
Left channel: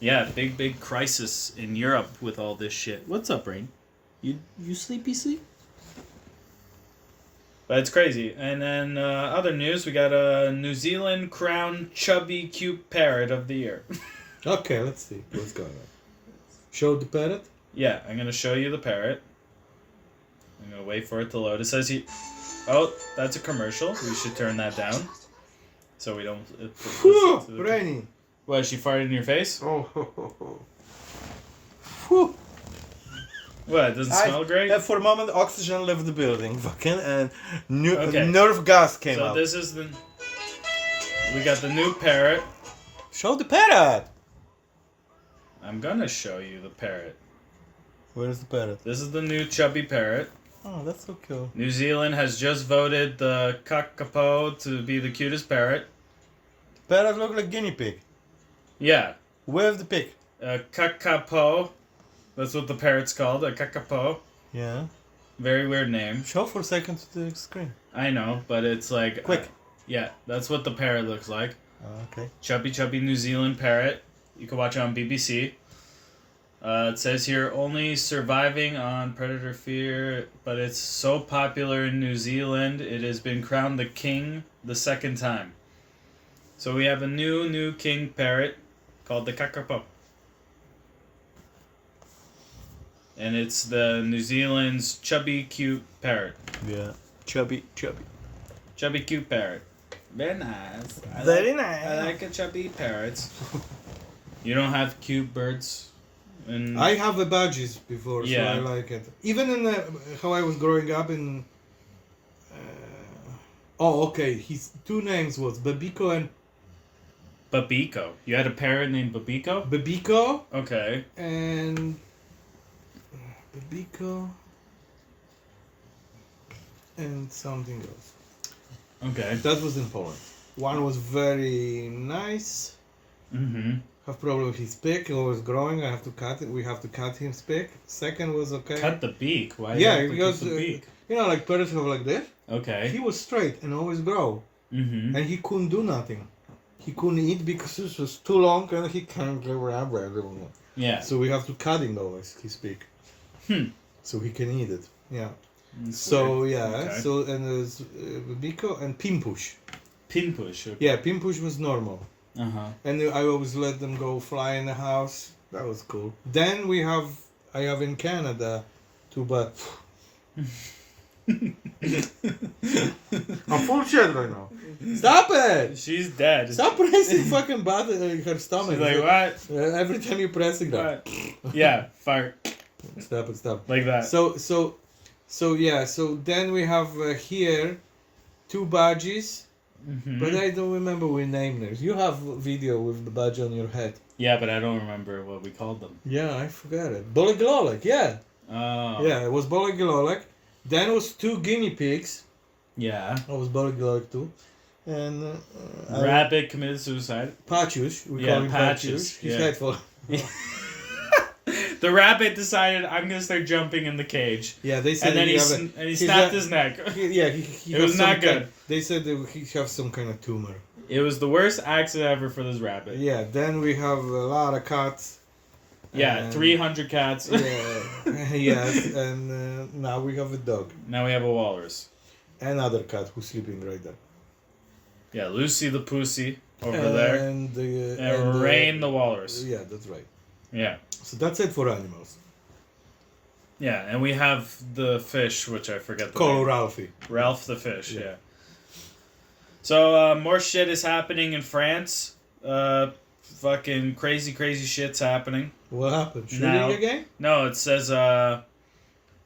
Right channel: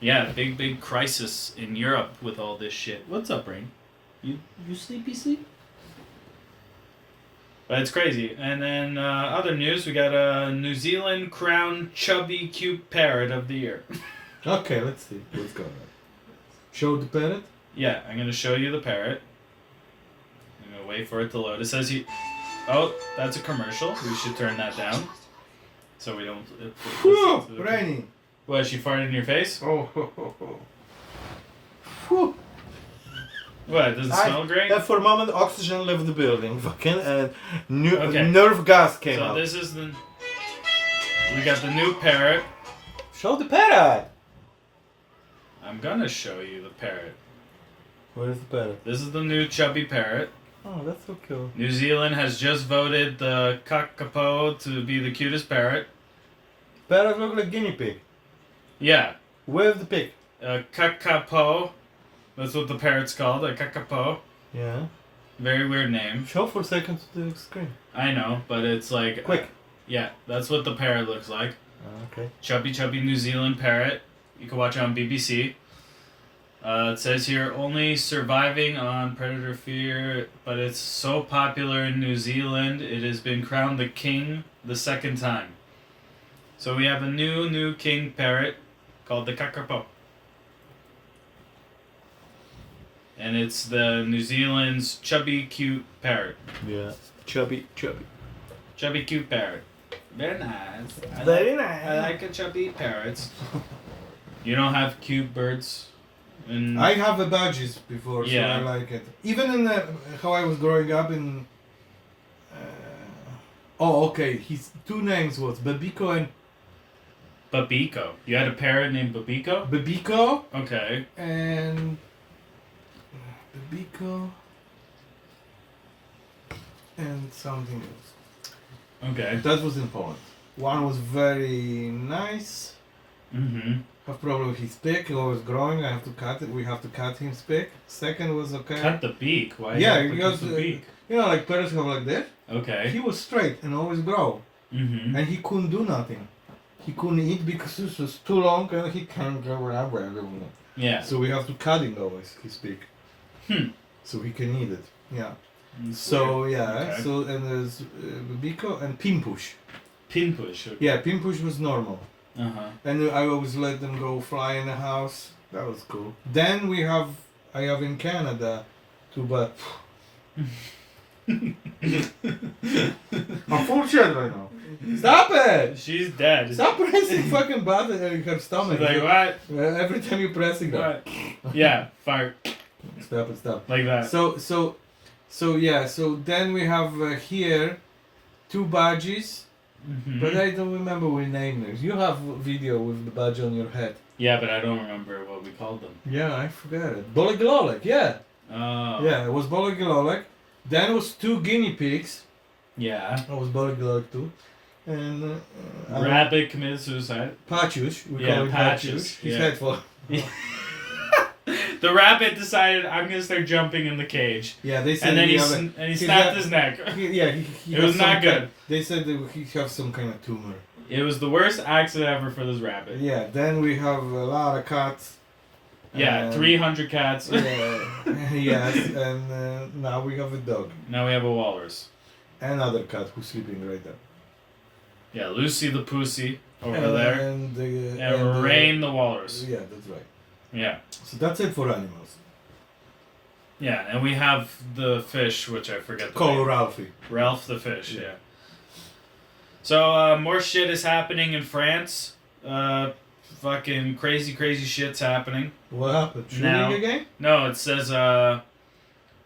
Yeah, big crisis in Europe with all this shit. What's up, Rain? You sleep? But it's crazy. And then other news, we got a New Zealand crowned chubby cute parrot of the year. Okay, let's see what's going on. Show the parrot? Yeah, I'm going to show you the parrot. I'm going to wait for it to load. It says here... Oh, that's a commercial. We should turn that down. So we don't... Whew, Rainy. What, she farted in your face? Oh, ho, ho, ho. Whew. What, it doesn't smell great? For a moment, oxygen left the building, fucking, and Okay. nerve gas came So out. this is the... We got the new parrot. Show the parrot! I'm going to show you the parrot. Where is the parrot? This is the new chubby parrot. Oh, that's so cool. New Zealand has just voted the kakapo to be the cutest parrot. Parrot look like guinea pig. Yeah, Where's the pig? kakapo. That's what the parrot's called, a kakapo. Yeah. Very weird name. Show for a second to the screen. I know, but it's like... Quick. Yeah, that's what the parrot looks like. Okay. Chubby New Zealand parrot. You can watch it on BBC. It says here, only surviving on predator fear, but it's so popular in New Zealand, it has been crowned the king the second time. So we have a new king parrot called the kakapo. And it's the New Zealand's chubby cute parrot. Yeah. Chubby. Chubby cute parrot. Very nice. Very nice. I like a chubby parrots. You don't have cute birds? And I have the badges before, Yeah. so I like it. Even in how I was growing up in... okay. His two names was Babiko and... Babiko. You had a parrot named Babiko? Babiko Okay. and... Babiko... and something else. Okay. That was in Poland. One was very nice. Mm-hmm. Have problem with his beak. It was growing. I have to cut it. We have to cut his beak. Second was okay. Cut the beak. Why? Yeah, you have to because cut the beak? you know, like parrots have like this. Okay. He was straight and always grow, Mm-hmm. and he couldn't do nothing. He couldn't eat because this was too long, and he can't go around. Yeah. So we have to cut him always his beak, so he can eat it. Yeah. That's So weird. yeah. Okay. So and there's Biko and Pimpush. Pin push. Okay. Yeah, Pimpush was normal. Uh-huh. And I always let them go fly in the house. That was cool. Then I have in Canada, but I'm full of shit right now. Stop it! She's dead. Stop pressing fucking button in her stomach. She's like, what? Every time you're pressing that. What? Yeah, fart. Stop. Like that. So yeah. So then we have here 2 badges. Mm-hmm. But I don't remember we named them. You have a video with the badge on your head. Yeah, but I don't remember what we called them. Yeah, I forgot it. Boligololek, yeah. Oh. Yeah, it was Boligololek. Then it was 2 guinea pigs. Yeah. I was Boligololek too. And Rabbit committed suicide. Pachush. We Yeah, call him Pachush, Pachush. He's yeah. head full. The rabbit decided, I'm gonna start jumping in the cage. Yeah, they said. And then he he's snapped his neck. He It was not good. They said that he have some kind of tumor. It was the worst accident ever for this rabbit. Yeah. Then we have a lot of cats. Yeah, 300 cats. Yes, and now we have a dog. Now we have a walrus. Another cat who's sleeping right there. Yeah, Lucy the Pussy over there. And Rain the walrus. Yeah, that's right. Yeah. So that's it for animals. Yeah, and we have the fish, which I forget the Call name. Ralphie. Ralph the fish, Yeah. yeah. So, more shit is happening in France. Fucking crazy shit's happening. What happened? Shooting Now- again? No, it says,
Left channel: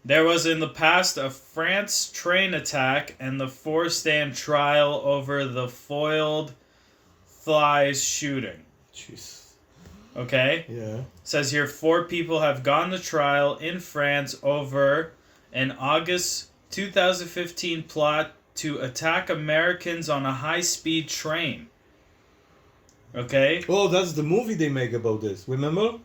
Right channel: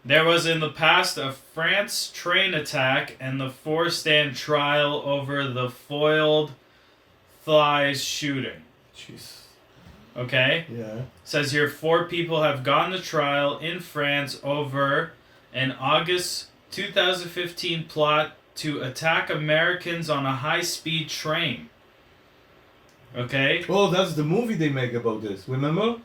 there was in the past a France train attack and the 4-stand trial over the foiled thighs shooting. Jeez. Okay? Yeah. Says here 4 people have gone to trial in France over an August 2015 plot to attack Americans on a high-speed train. Okay? Oh, that's the movie they make about this. Remember?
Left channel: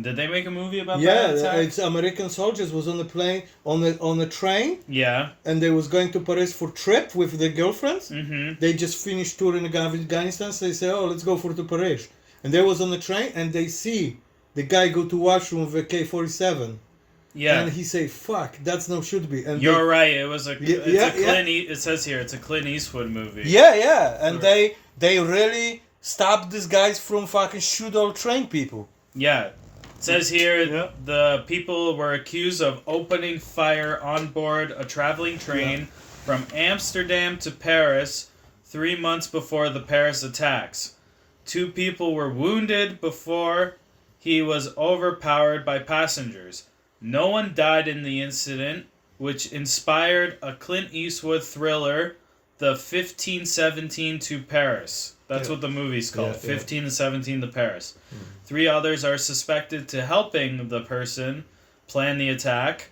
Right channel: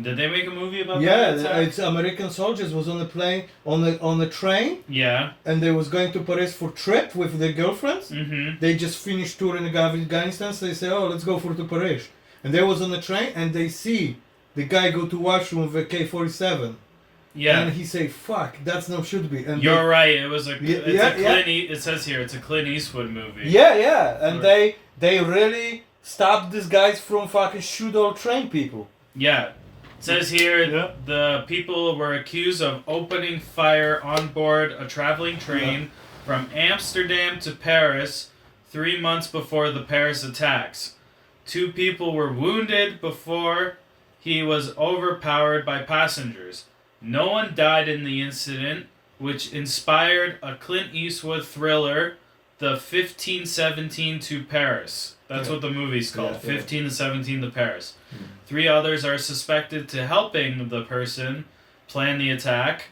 Did they make a movie about Yeah, that attack? it's American soldiers was on the plane on the train, Yeah. and they was going to Paris for trip with their girlfriends. Mm-hmm. They just finished touring Afghanistan, so they say, "Oh, let's go for to Paris." And they was on the train, and they see the guy go to washroom with a K-47. Yeah. And he say, "Fuck, that's no should be." And You're right. It was a. Yeah, It's yeah, a Clint. It says here it's a Clint Eastwood movie. yeah, and Sure. they really stopped these guys from fucking shoot all train people. Yeah. It says here Yeah. the people were accused of opening fire on board a traveling train from Amsterdam to Paris 3 months before the Paris attacks. 2 people were wounded before he was overpowered by passengers. No one died in the incident, which inspired a Clint Eastwood thriller, The 1517 to Paris. That's Yeah. what the movie's called, Yeah, yeah. 15 to 17 to Paris. 3 others are suspected to helping the person plan the attack.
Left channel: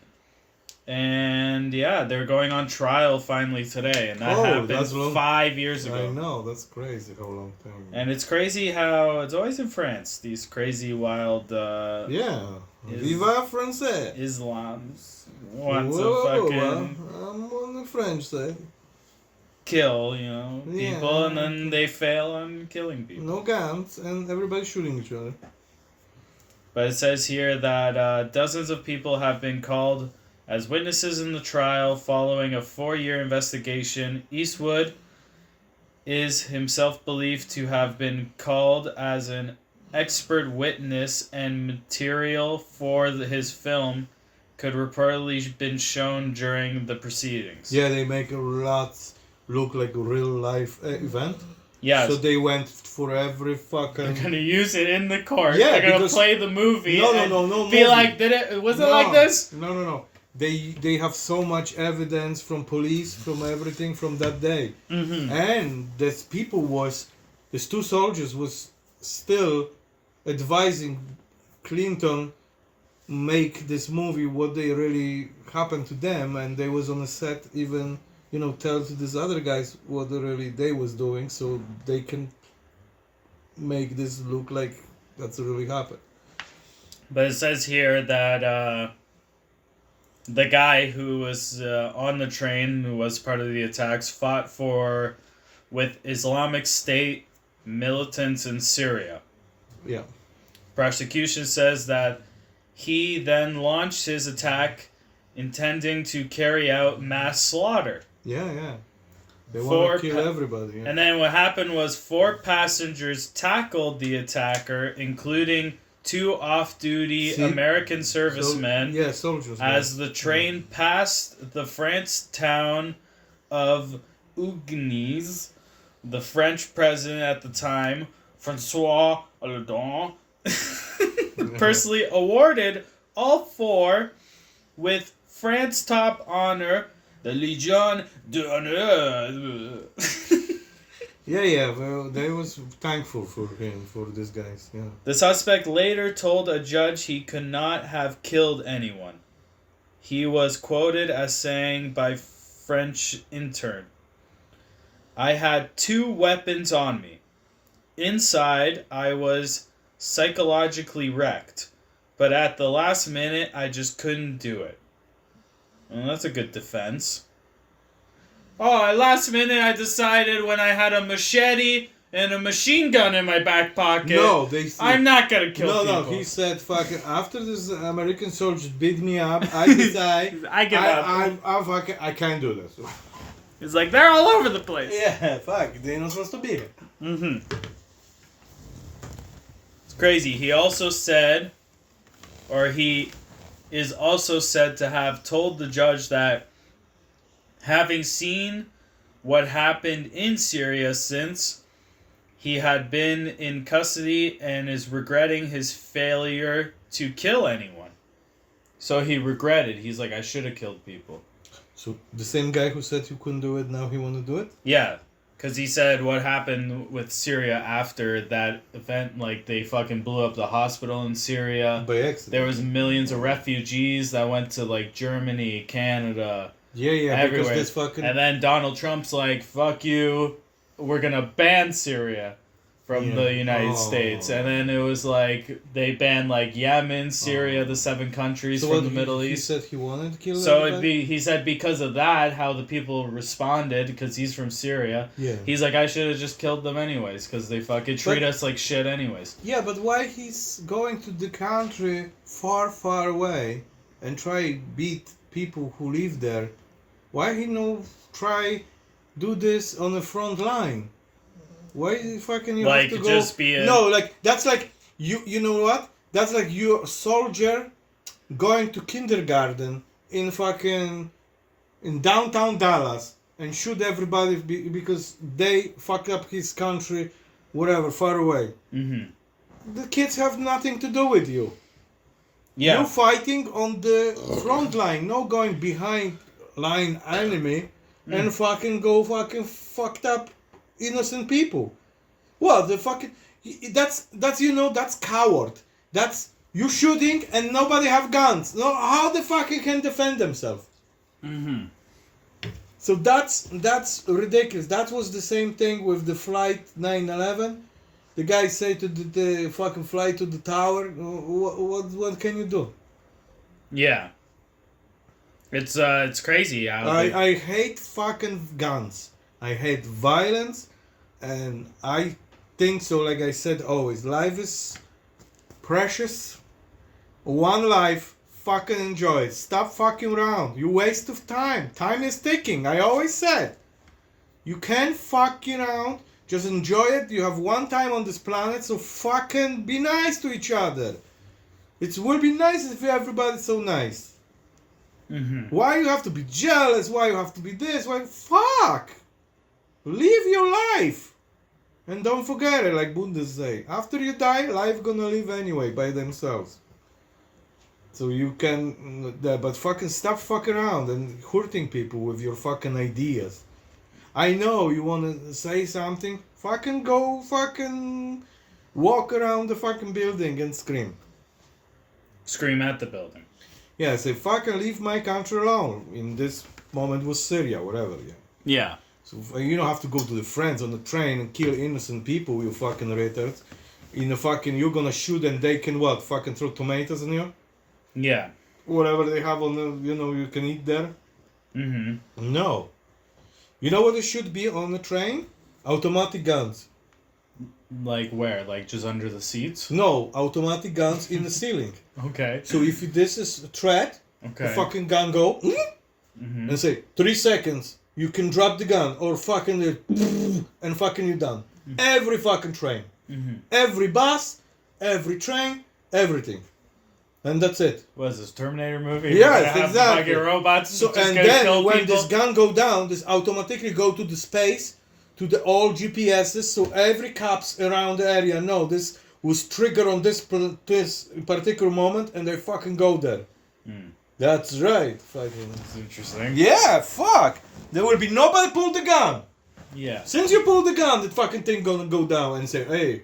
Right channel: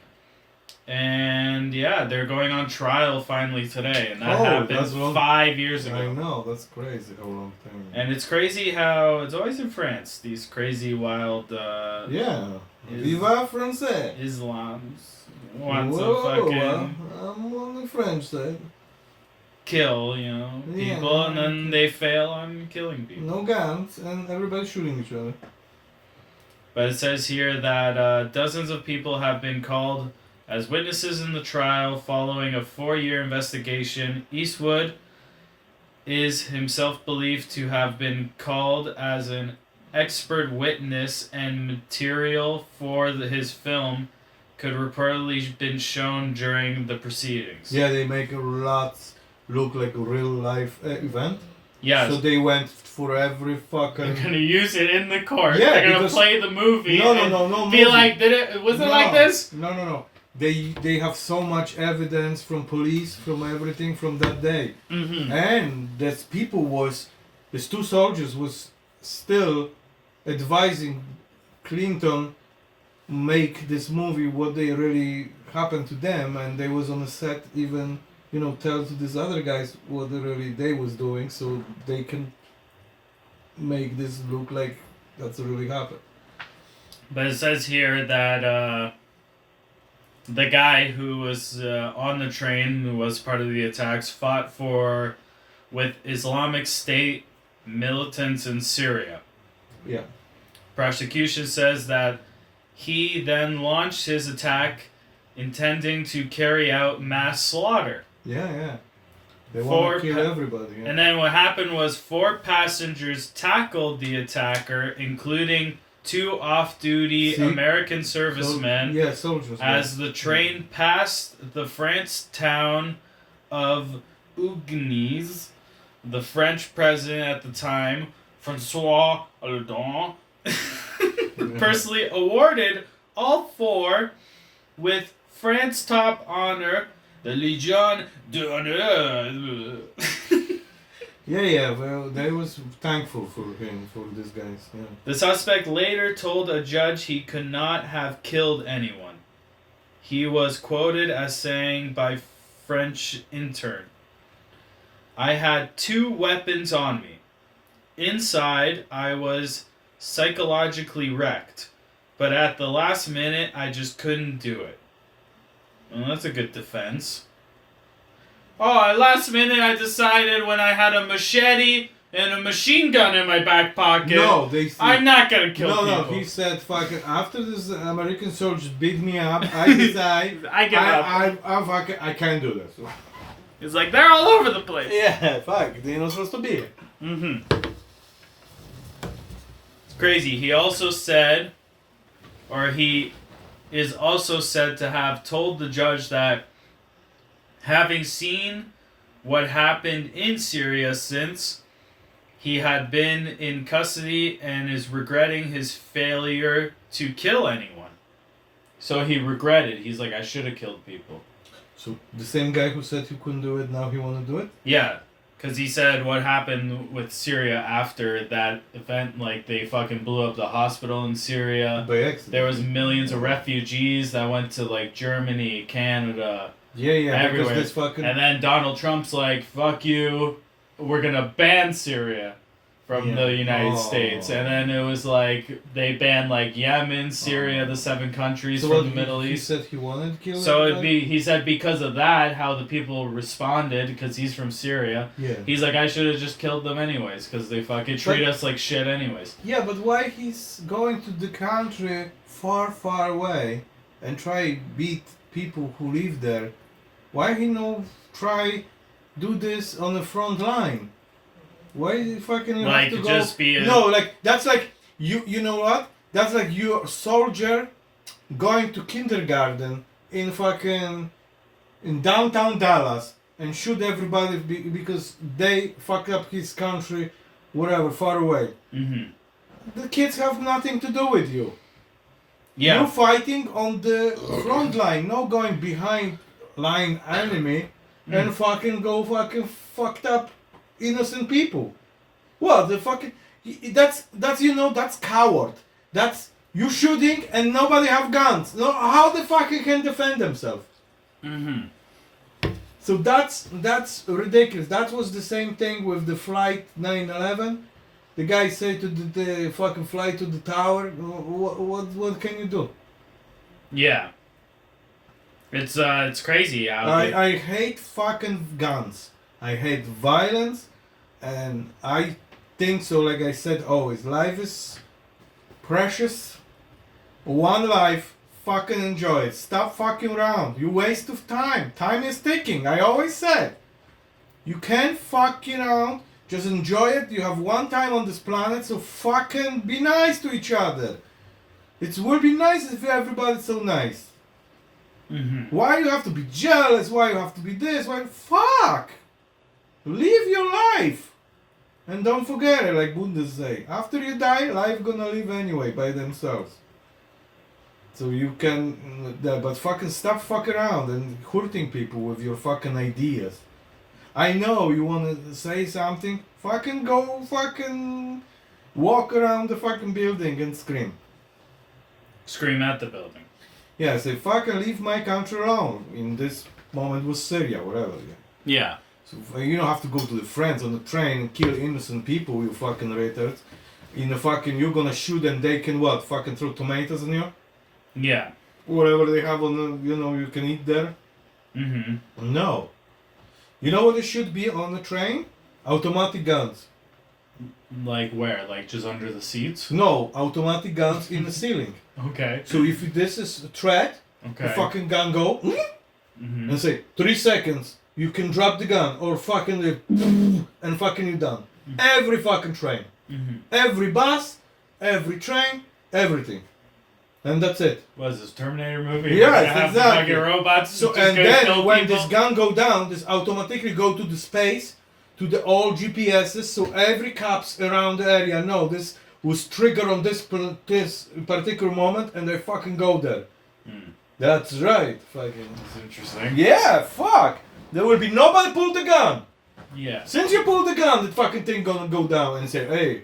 And yeah, they're going on trial finally today. And that Oh, happened that's long. 5 years ago. I know, that's crazy how long time. And it's crazy how it's always in France, these crazy wild Yeah. Is- Viva France! Islams want to Whoa, fucking I'm on the French side. kill, Yeah. people, and then they fail on killing people. No guns, and everybody shooting each other. But it says here that dozens of people have been called as witnesses in the trial following a 4-year investigation. Eastwood is himself believed to have been called as an expert witness, and material for his film could reportedly been shown during the proceedings. Yeah, they make a lot look like a real life event. Yeah. So they went for every fucking. They're gonna use it in the court. Yeah, They're gonna because- play the movie. No, and no. Be movie. like, was it No. like this? No. They have so much evidence from police, from everything from that day, Mm-hmm. and these people these 2 soldiers was still advising Clinton make this movie what they really happened to them, and they was on the set even tell to these other guys what they was doing, so they can make this look like that's really happened. But it says here that the guy who was on the train, who was part of the attacks, fought with Islamic State militants in Syria. Yeah. Prosecution says that he then launched his attack intending to carry out mass slaughter. Yeah. They 4 want to kill everybody. Yeah. And then what happened was 4 passengers tackled the attacker, including 2 off-duty See? American servicemen, Soldiers. as the train passed the French town of Ugnes. The French president at the time, François Hollande, personally awarded all 4 with France top honor, the Légion d'honneur. Yeah. Well, they was thankful for him, for these guys. Yeah. The suspect later told a judge he could not have killed anyone. He was quoted as saying by French intern, "I had 2 weapons on me. Inside, I was psychologically wrecked. but at the last minute, I just couldn't do it. Well, that's a good defense. Oh, at last minute, I decided when I had a machete and a machine gun in my back pocket, No, I'm not gonna kill people. No, he said, fucking, after this American soldiers beat me up, I decide, I give up. I can't do this. It's like, they're all over the place. Yeah, fuck, they're not supposed to be here. Mm-hmm. It's crazy. He also said, or he is also said to have told the judge that having seen what happened in Syria since he had been in custody and is regretting his failure to kill anyone. So he regretted. He's like, I should have killed people. So the same guy who said he couldn't do it, now he want to do it? Yeah. Because he said what happened with Syria after that event, like they fucking blew up the hospital in Syria. By accident. There was millions of refugees that went to like Germany, Canada, Yeah, everywhere. because this fucking... And then Donald Trump's like, fuck you, we're gonna ban Syria from the United States. And then it was like, they banned like Yemen, Syria, the 7 countries from the Middle East. He said he wanted to kill So everybody? he said because of that, how the people responded, because he's from Syria. Yeah. He's like, I should have just killed them anyways, because they fucking treat us like shit anyways. Yeah, but why he's going to the country far, far away and try beat people who live there? Why he no try do this on the front line? Why fucking you Like, have to go? just be a... No, like that's like you know what? That's like you a soldier going to kindergarten in fucking in downtown Dallas and shoot everybody because they fucked up his country, whatever, far away. Mm-hmm. The kids have nothing to do with you. Yeah. You're fighting on the front line, no going behind line enemy and fucking go fucking fucked up innocent people. What the fucking... That's you know, that's coward. That's you shooting and nobody have guns. No, how the fuck he can defend themselves? Mm-hmm. So that's ridiculous. That was the same thing with the flight 9/11. The guy said to the fucking fly to the tower. What can you do? Yeah. It's crazy how... I hate fucking guns. I hate violence, and I think so. Like I said, always, life is precious. One life. Fucking enjoy it. Stop fucking around. You waste of time. Time is ticking. I always said. You can't fuck around. Just enjoy it. You have one time on this planet, so fucking be nice to each other. It would be nice if everybody's so nice. Mm-hmm. Why you have to be jealous? Why you have to be this? Why? Fuck! Live your life! And don't forget it, like Buddha say. After you die, life gonna live anyway by themselves. So you can, but fucking stop fucking around and hurting people with your fucking ideas. I know you wanna say something, fucking go fucking walk around the fucking building and scream. Scream at the building. Yeah, say fucking leave my country alone. In this moment was Syria, whatever. Yeah. So you don't have to go to the friends on the train and kill innocent people, you fucking retards. In the fucking, you're gonna shoot and they can what? Fucking throw tomatoes on you? Yeah. Whatever they have on the, you can eat there? Mm-hmm. No. You know what it should be on the train? Automatic guns. Like where? Like just under the seats? No, automatic guns in the ceiling. Okay. So if this is a threat, the fucking gun go, Mm-hmm. and say, 3 seconds, you can drop the gun, or fucking, and fucking you're done. Every fucking train. Mm-hmm. Every bus, every train, everything. And that's it. What is this, Terminator movie? Yes, exactly. Fucking robots So just and gonna then kill when people? this gun go down, this automatically go to the space, to the all GPSs, so every cops around the area know this was triggered on this particular moment, and they fucking go there. That's right. Fucking. That's interesting. Yeah, fuck. There will be nobody pull the gun. Yeah. Since you pull the gun, the fucking thing gonna go down and say, hey,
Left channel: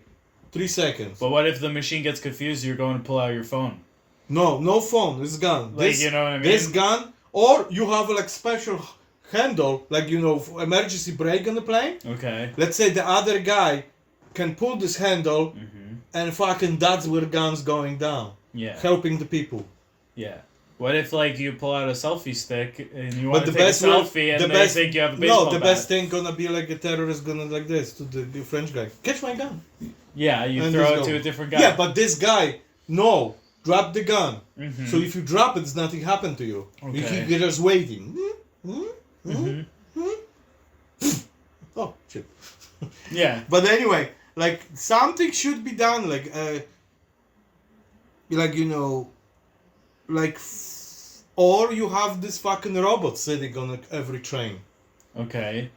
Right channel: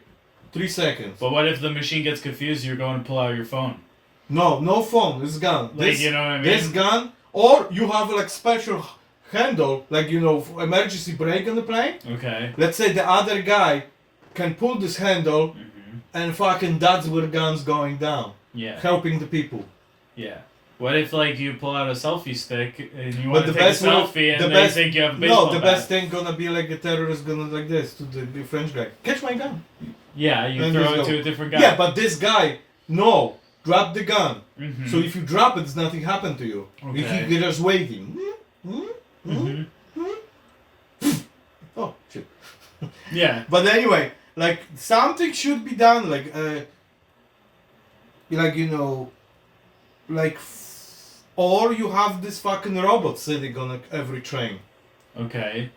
3 seconds. But what if the machine gets confused? You're going to pull out your phone. No phone. This gun. Like, you know what I mean? This gun, or you have like special handle, like emergency brake on the plane. Okay. Let's say the other guy can pull this handle, and fucking that's where guns going down. Yeah. helping the people. Yeah. What if like you pull out a selfie stick and you But want to the take a best will- selfie and the they best- think you have a baseball No, the bat? best thing gonna be like a terrorist gonna like this to the French guy. Catch my gun. Yeah, you And throw just it go. to a different guy. Yeah, but this guy, no, drop the gun. Mhm. So if you drop it, nothing happened to you. Okay. You're just waiting. Mhm. Oh shit. Yeah. But anyway, like something should be done, like you know, like, or you have this fucking robot sitting on every train, Okay.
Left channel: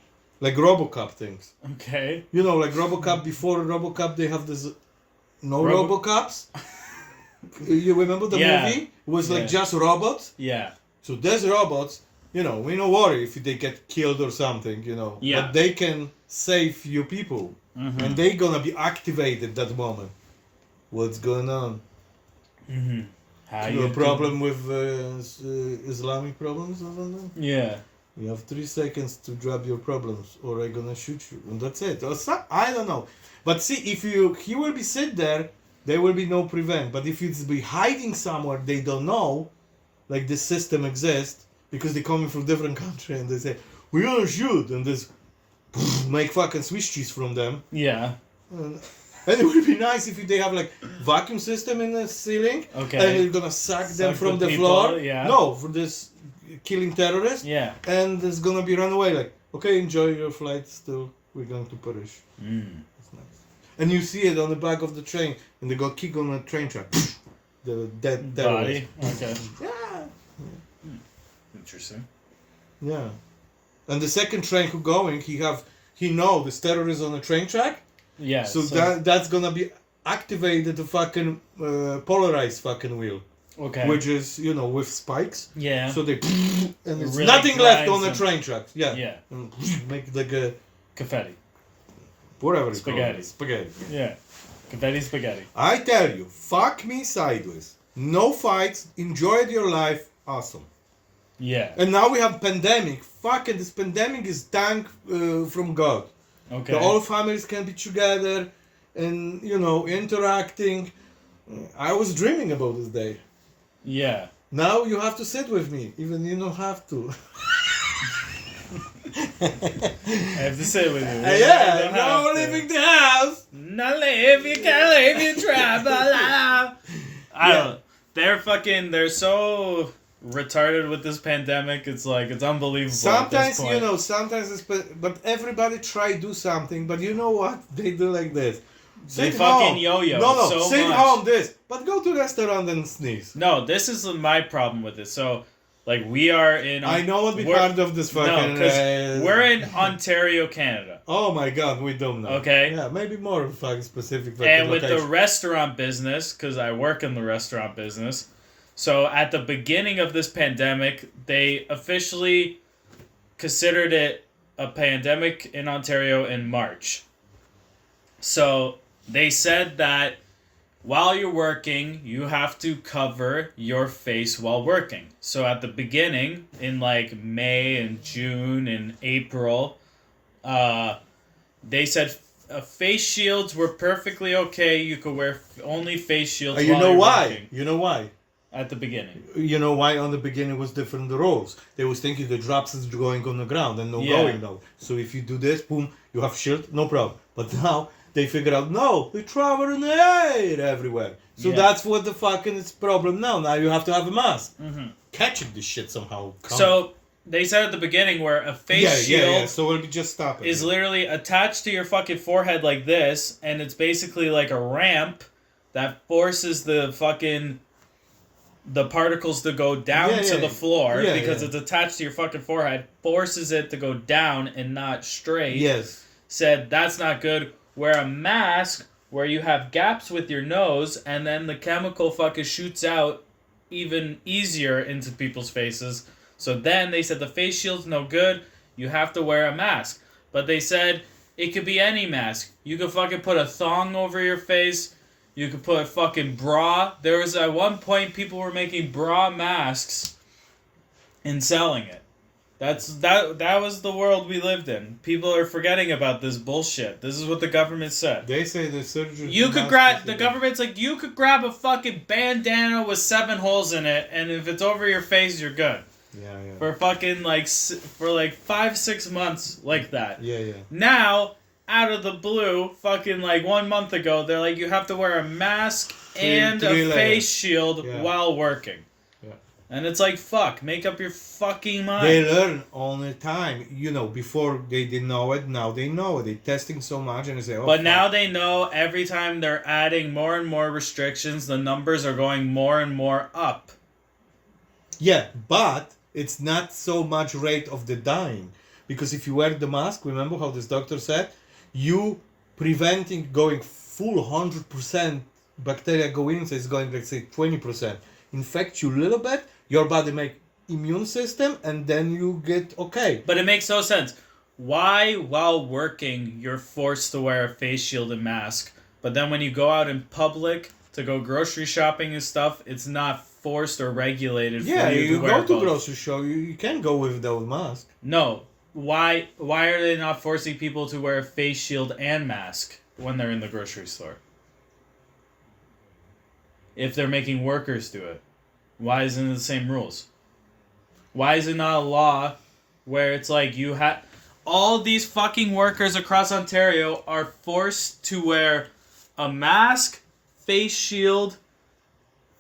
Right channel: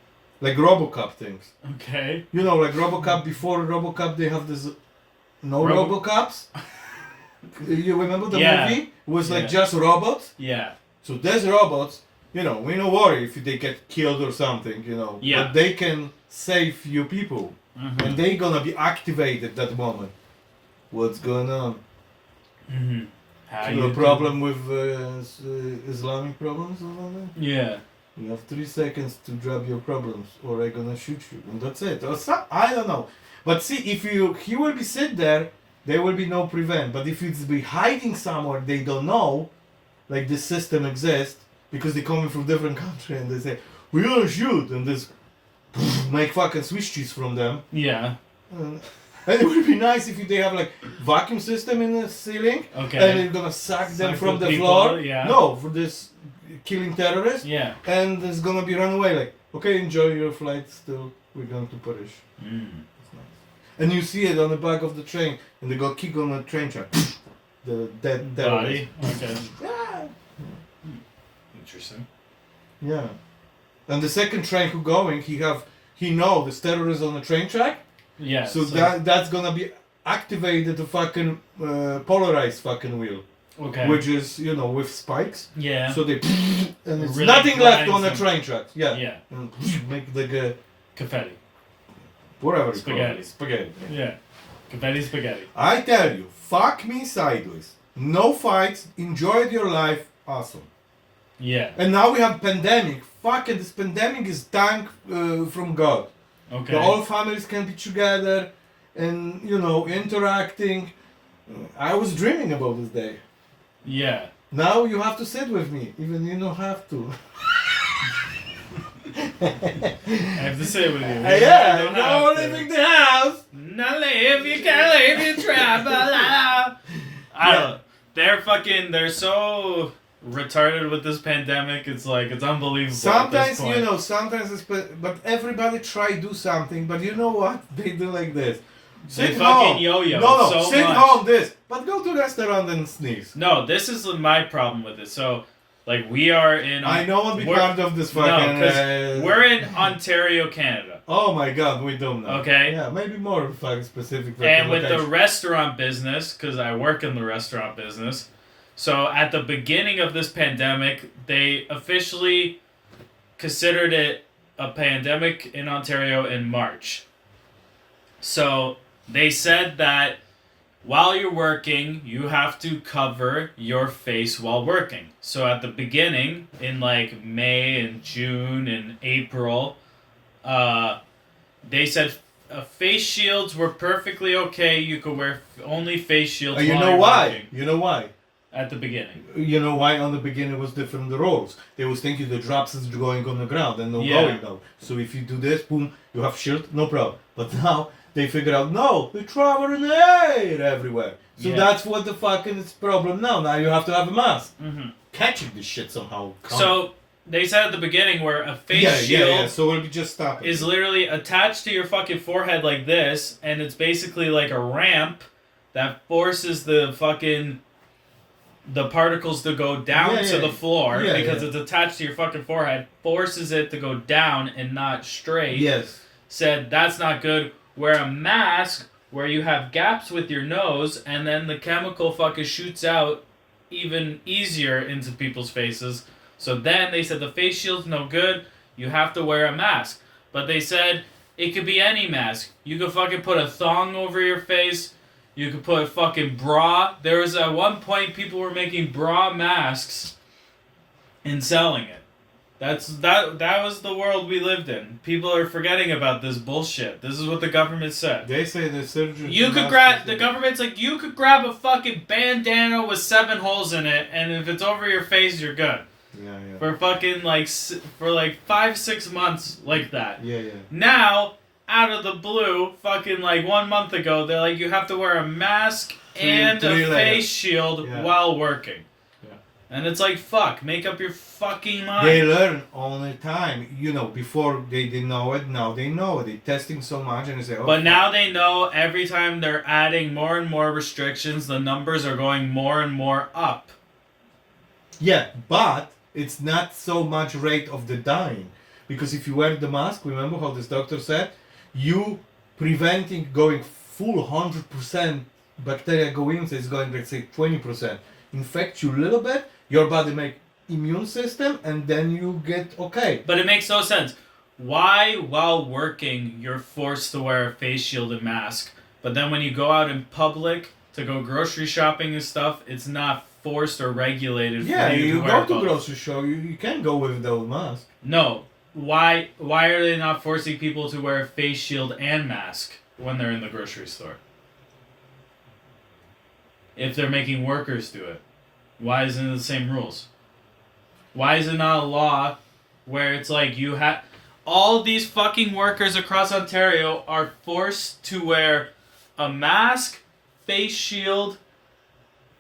like RoboCop things. Okay. You know, like RoboCop. Before RoboCop, they have this no RoboCops. You remember the Yeah. movie? It was like Yeah. just robots. Yeah. So there's robots. You know, we don't worry if they get killed or something. You know, Yeah. but they can save you people. Mhm. And they gonna be activated that moment. What's going on? Mhm. How You you have a problem with Islamic problems or something? Yeah. You have 3 seconds to drop your problems, or I'm gonna shoot you, and that's it. Or I don't know. But see, if he will be sit there, there will be no prevent. But if it's be hiding somewhere, they don't know, like this system exists because they coming from different country and they say we're gonna shoot and this make fucking Swiss cheese from them. Yeah. And it would be nice if they have like vacuum system in the ceiling, Okay. and they're gonna suck them Suck from the the people, floor. yeah. No, for this killing terrorists, Yeah. and it's gonna be run away. Like, okay, enjoy your flight. Still, we're going to Paris. Mm. That's nice. And you see it on the back of the train, and they got kicked on a train track. The dead terrorist. Body. Okay. Yeah. Interesting. Yeah. And the second train who going, he know this terrorist on the train track. Yeah. So that's gonna be activated to fucking polarized fucking wheel, Okay. which is with spikes. Yeah. So they and it's Really nothing left grinds on the them. train track. Yeah. Yeah. And make the Confetti. whatever it's Spaghetti. called. Spaghetti. Yeah. Confetti spaghetti. I tell you, fuck me sideways. No fights. Enjoyed your life. Awesome. Yeah. And now we have pandemic. Fucking this pandemic is thank from God. Okay. The all families can be together and interacting. I was dreaming about this day. Yeah. Now you have to sit with me, even you don't have to. I have to say with you. Yeah, no leaving the house. Not live, you can't live, you travel. I don't know. They're so retarded with this pandemic. It's like, it's unbelievable. Sometimes, at this point. sometimes it's, but everybody try do something, but you know what? They do like this. They fucking yo-yo No, so sit much. home this. But go to restaurant and sneeze. No, this is my problem with it. So, like, we are in... I know what we we're- part of this fucking... No, because we're in Ontario, Canada. Oh my god, we don't know. Okay. Yeah, maybe more fucking specific. And with the location. restaurant business, because I work in the restaurant business, so at the beginning of this pandemic, they officially considered it a pandemic in Ontario in March. So they said that while you're working, you have to cover your face while working. So at the beginning, in like May and June and April, they said face shields were perfectly okay. You could wear only face shields. You while know you're why? working You know why? at the beginning. You know why on the beginning was different the rules. They was thinking the drops is going on the ground and no Yeah. going now. So if you do this, boom, you have shield, no problem. But now they figure out no, they travel in the air everywhere. So Yeah. that's what the fucking is problem now. Now you have to have a mask. Mm-hmm. Catching this shit somehow. So they said at the beginning where a face shield yeah. So we'll just stop it. is literally attached to your fucking forehead like this, and it's basically like a ramp that forces the particles to go down Yeah, to yeah. the floor Yeah, because yeah. it's attached to your fucking forehead, forces it to go down and not straight. Yes. Said that's not good. Wear a mask where you have gaps with your nose, and then the chemical fucking shoots out even easier into people's faces. So then they said the face shield's no good. You have to wear a mask. But they said it could be any mask. You could fucking put a thong over your face. You could put a fucking bra. There was at one point people were making bra masks and selling it. That was the world we lived in. People are forgetting about this bullshit. This is what the government said. They say the surgeon. You could grab the government's like you could grab a fucking bandana with 7 holes in it, and if it's over your face, you're good. Yeah. For fucking for 5-6 months like that. Yeah. Now, out of the blue, fucking 1 month ago, they're like you have to wear a mask and a face shield while working. And it's like, fuck, make up your fucking mind. They learn all the time. Before they didn't know it, now they know it. They're testing so much and they say, But now they know every time they're adding more and more restrictions, the numbers are going more and more up. Yeah, but it's not so much rate of the dying. Because if you wear the mask, remember how this doctor said, you preventing going full 100% bacteria going, so it's going, let's say, 20%. Infect you a little bit, your body make immune system, and then you get okay. But it makes no sense. Why, while working, you're forced to wear a face shield and mask, but then when you go out in public to go grocery shopping and stuff, it's not forced or regulated for you to wear go to grocery store, you can go without mask. No. Why are they not forcing people to wear a face shield and mask when they're in the grocery store? If they're making workers do it. Why isn't it the same rules? Why is it not a law where it's like you have... All these fucking workers across Ontario are forced to wear a mask, face shield,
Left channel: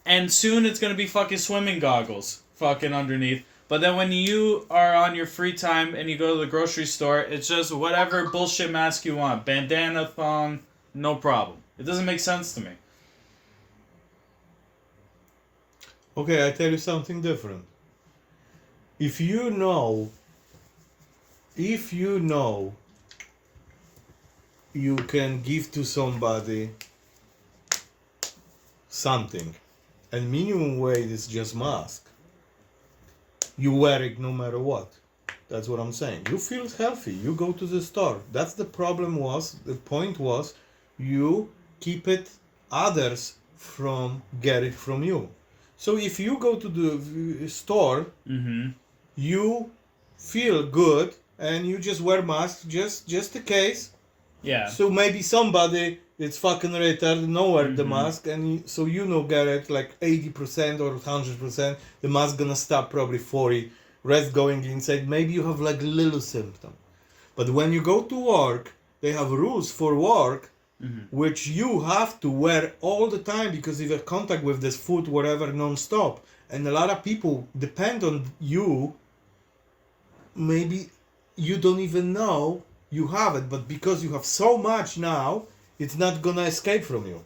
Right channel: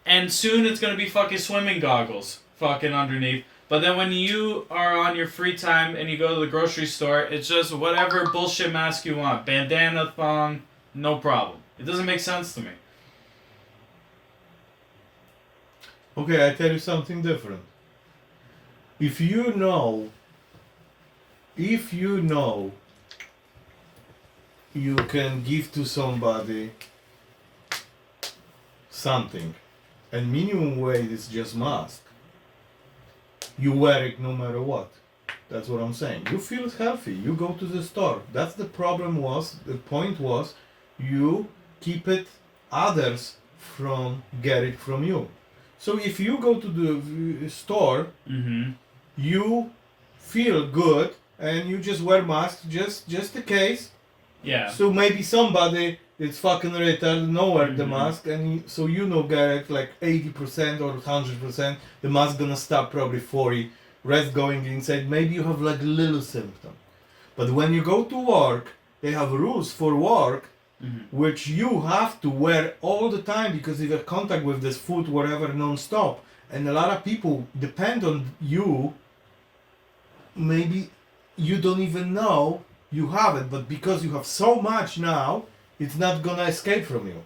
and soon it's going to be fucking swimming goggles fucking underneath. But then when you are on your free time and you go to the grocery store, it's just whatever bullshit mask you want. Bandana, thong, no problem. It doesn't make sense to me. Okay, I tell you something different. If you know you can give to somebody something, and minimum wage is just mask, you wear it no matter what. That's what I'm saying. You feel healthy. You go to the store. That's the point was, you keep it others from get it from you. So if you go to the store, you feel good and you just wear mask just in case. Yeah. So maybe somebody that's fucking retarded no wear the mask, and so get it 80% or 100%. The mask gonna stop probably 40. Rest going inside. Maybe you have little symptom. But when you go to work, they have rules for work. Which you have to wear all the time because you have contact with this food, whatever, non-stop. And a lot of people depend on you. Maybe you don't even know you have it, but because you have so much now, it's not gonna escape from you.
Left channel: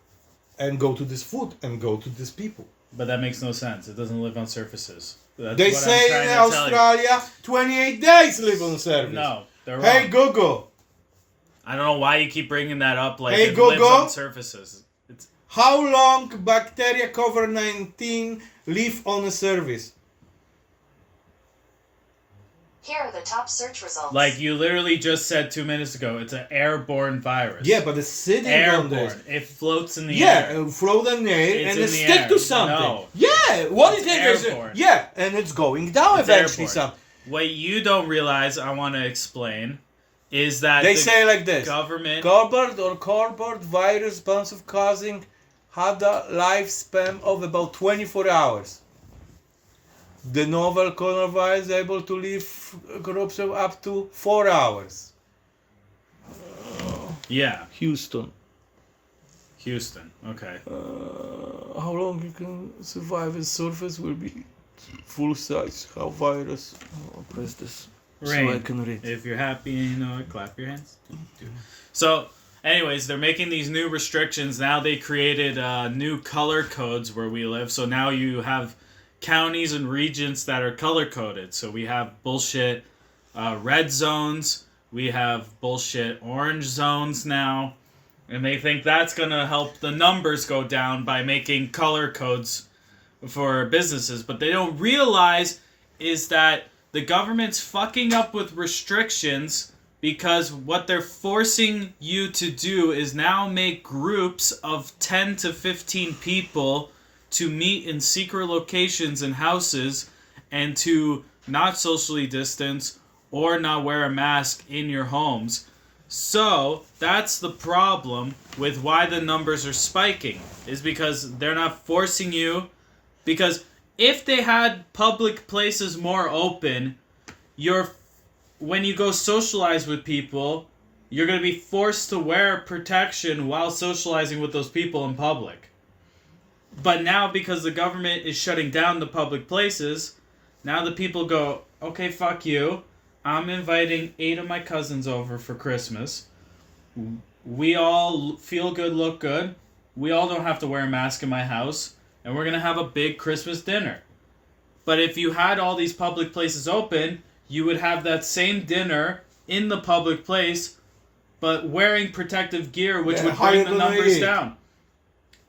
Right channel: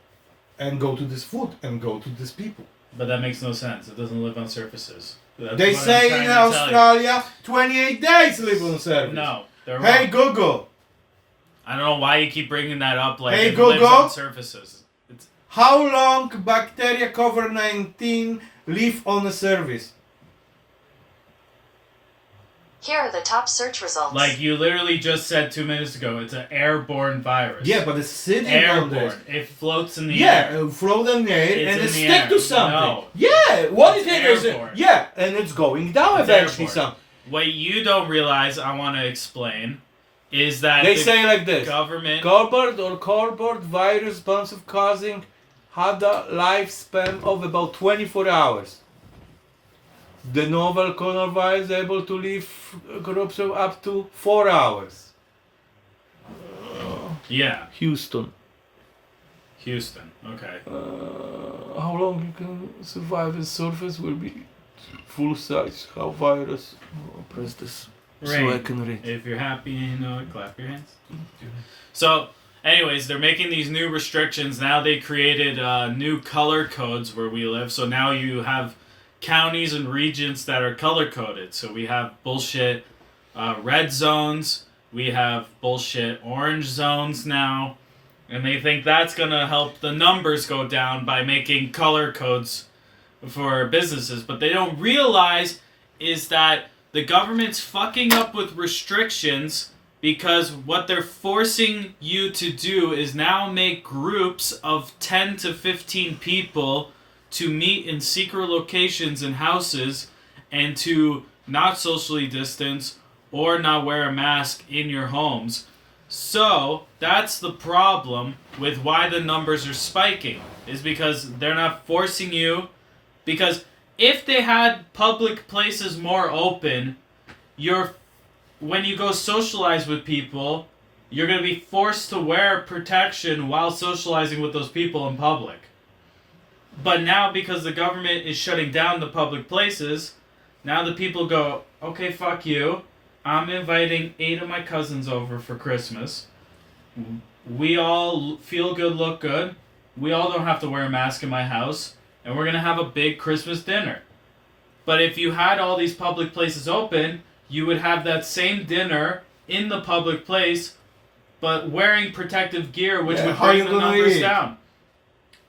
And go to this food and go to these people. But that makes no sense. It doesn't live on surfaces. They say in Australia, 28 days live on surface. No, they're wrong. Hey, Google. I don't know why you keep bringing that up like Hey, it lives Google. on surfaces. How long bacteria COVID-19 live on a surface? Here are the top search results. Like you literally just said 2 minutes ago, it's an airborne virus. Yeah, but it's sitting on this. Airborne. It floats in the air. Yeah, it float in the air It's and in it the stick air. to something. No. Yeah, what It's is it? Is it? airborne. Yeah, and it's going down It's eventually. airborne. What you don't realize, I want to explain, is that They the say like this: government... cardboard virus bonds of causing had a lifespan of about 24 hours. The novel coronavirus is able to live groups of up to 4 hours. Yeah, Houston. Okay. How long you can survive the surface will be full size. How virus? Press this so I Rain. can read. If you're happy, clap your hands. So, anyways, they're making these new restrictions. Now they created new color codes where we live. So now you have counties and regions that are color coded. So we have bullshit red zones. We have bullshit orange zones now. And they think that's going to help the numbers go down by making color codes for businesses. But they don't realize is that the government's fucking up with restrictions because what they're forcing you to do is now make groups of 10 to 15 people to meet in secret locations and houses and to not socially distance, or not wear a mask in your homes. So that's the problem with why the numbers are spiking, is because they're not forcing you. Because if they had public places more open, when you go socialize with people, you're going to be forced to wear protection while socializing with those people in public. But now, because the government is shutting down the public places, now the people go, okay, fuck you. I'm inviting 8 of my cousins over for Christmas. We all feel good, look good. We all don't have to wear a mask in my house. And we're going to have a big Christmas dinner. But if you had all these public places open, you would have that same dinner in the public place, but wearing protective gear, which would bring the numbers down.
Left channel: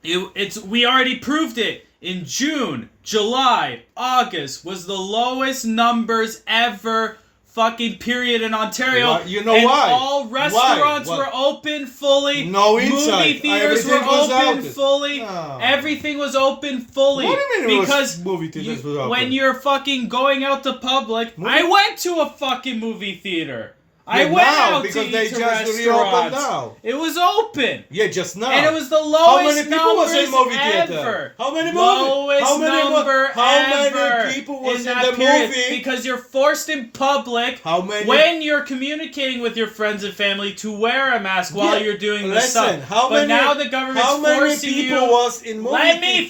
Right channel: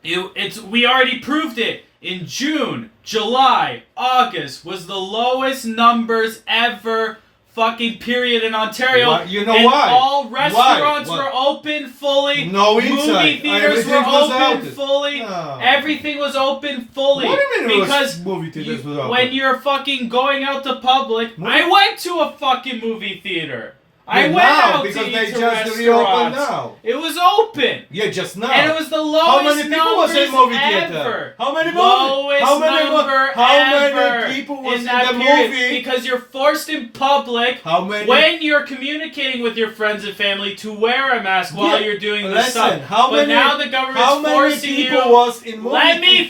We already proved it. In June, July, August was the lowest numbers ever fucking period in Ontario. Why? You know and why? All restaurants Why? were open fully. No inside. Movie theaters Everything were was open out. fully. No. Everything was open fully. What do you mean because movie theaters was open? when you're fucking going out to public, I went to a fucking movie theater. I went now, out because to they eat to just reopened restaurants. now. It was open. Yeah, just now. And it was the lowest How many people was in numbers movie ever. theater? How many Lowest How many number How ever many people was in that the period, movie? because you're forced in public How many? when you're communicating with your friends and family to wear a mask while you're doing this stuff. But now the government's how many forcing people you. was in movie Let me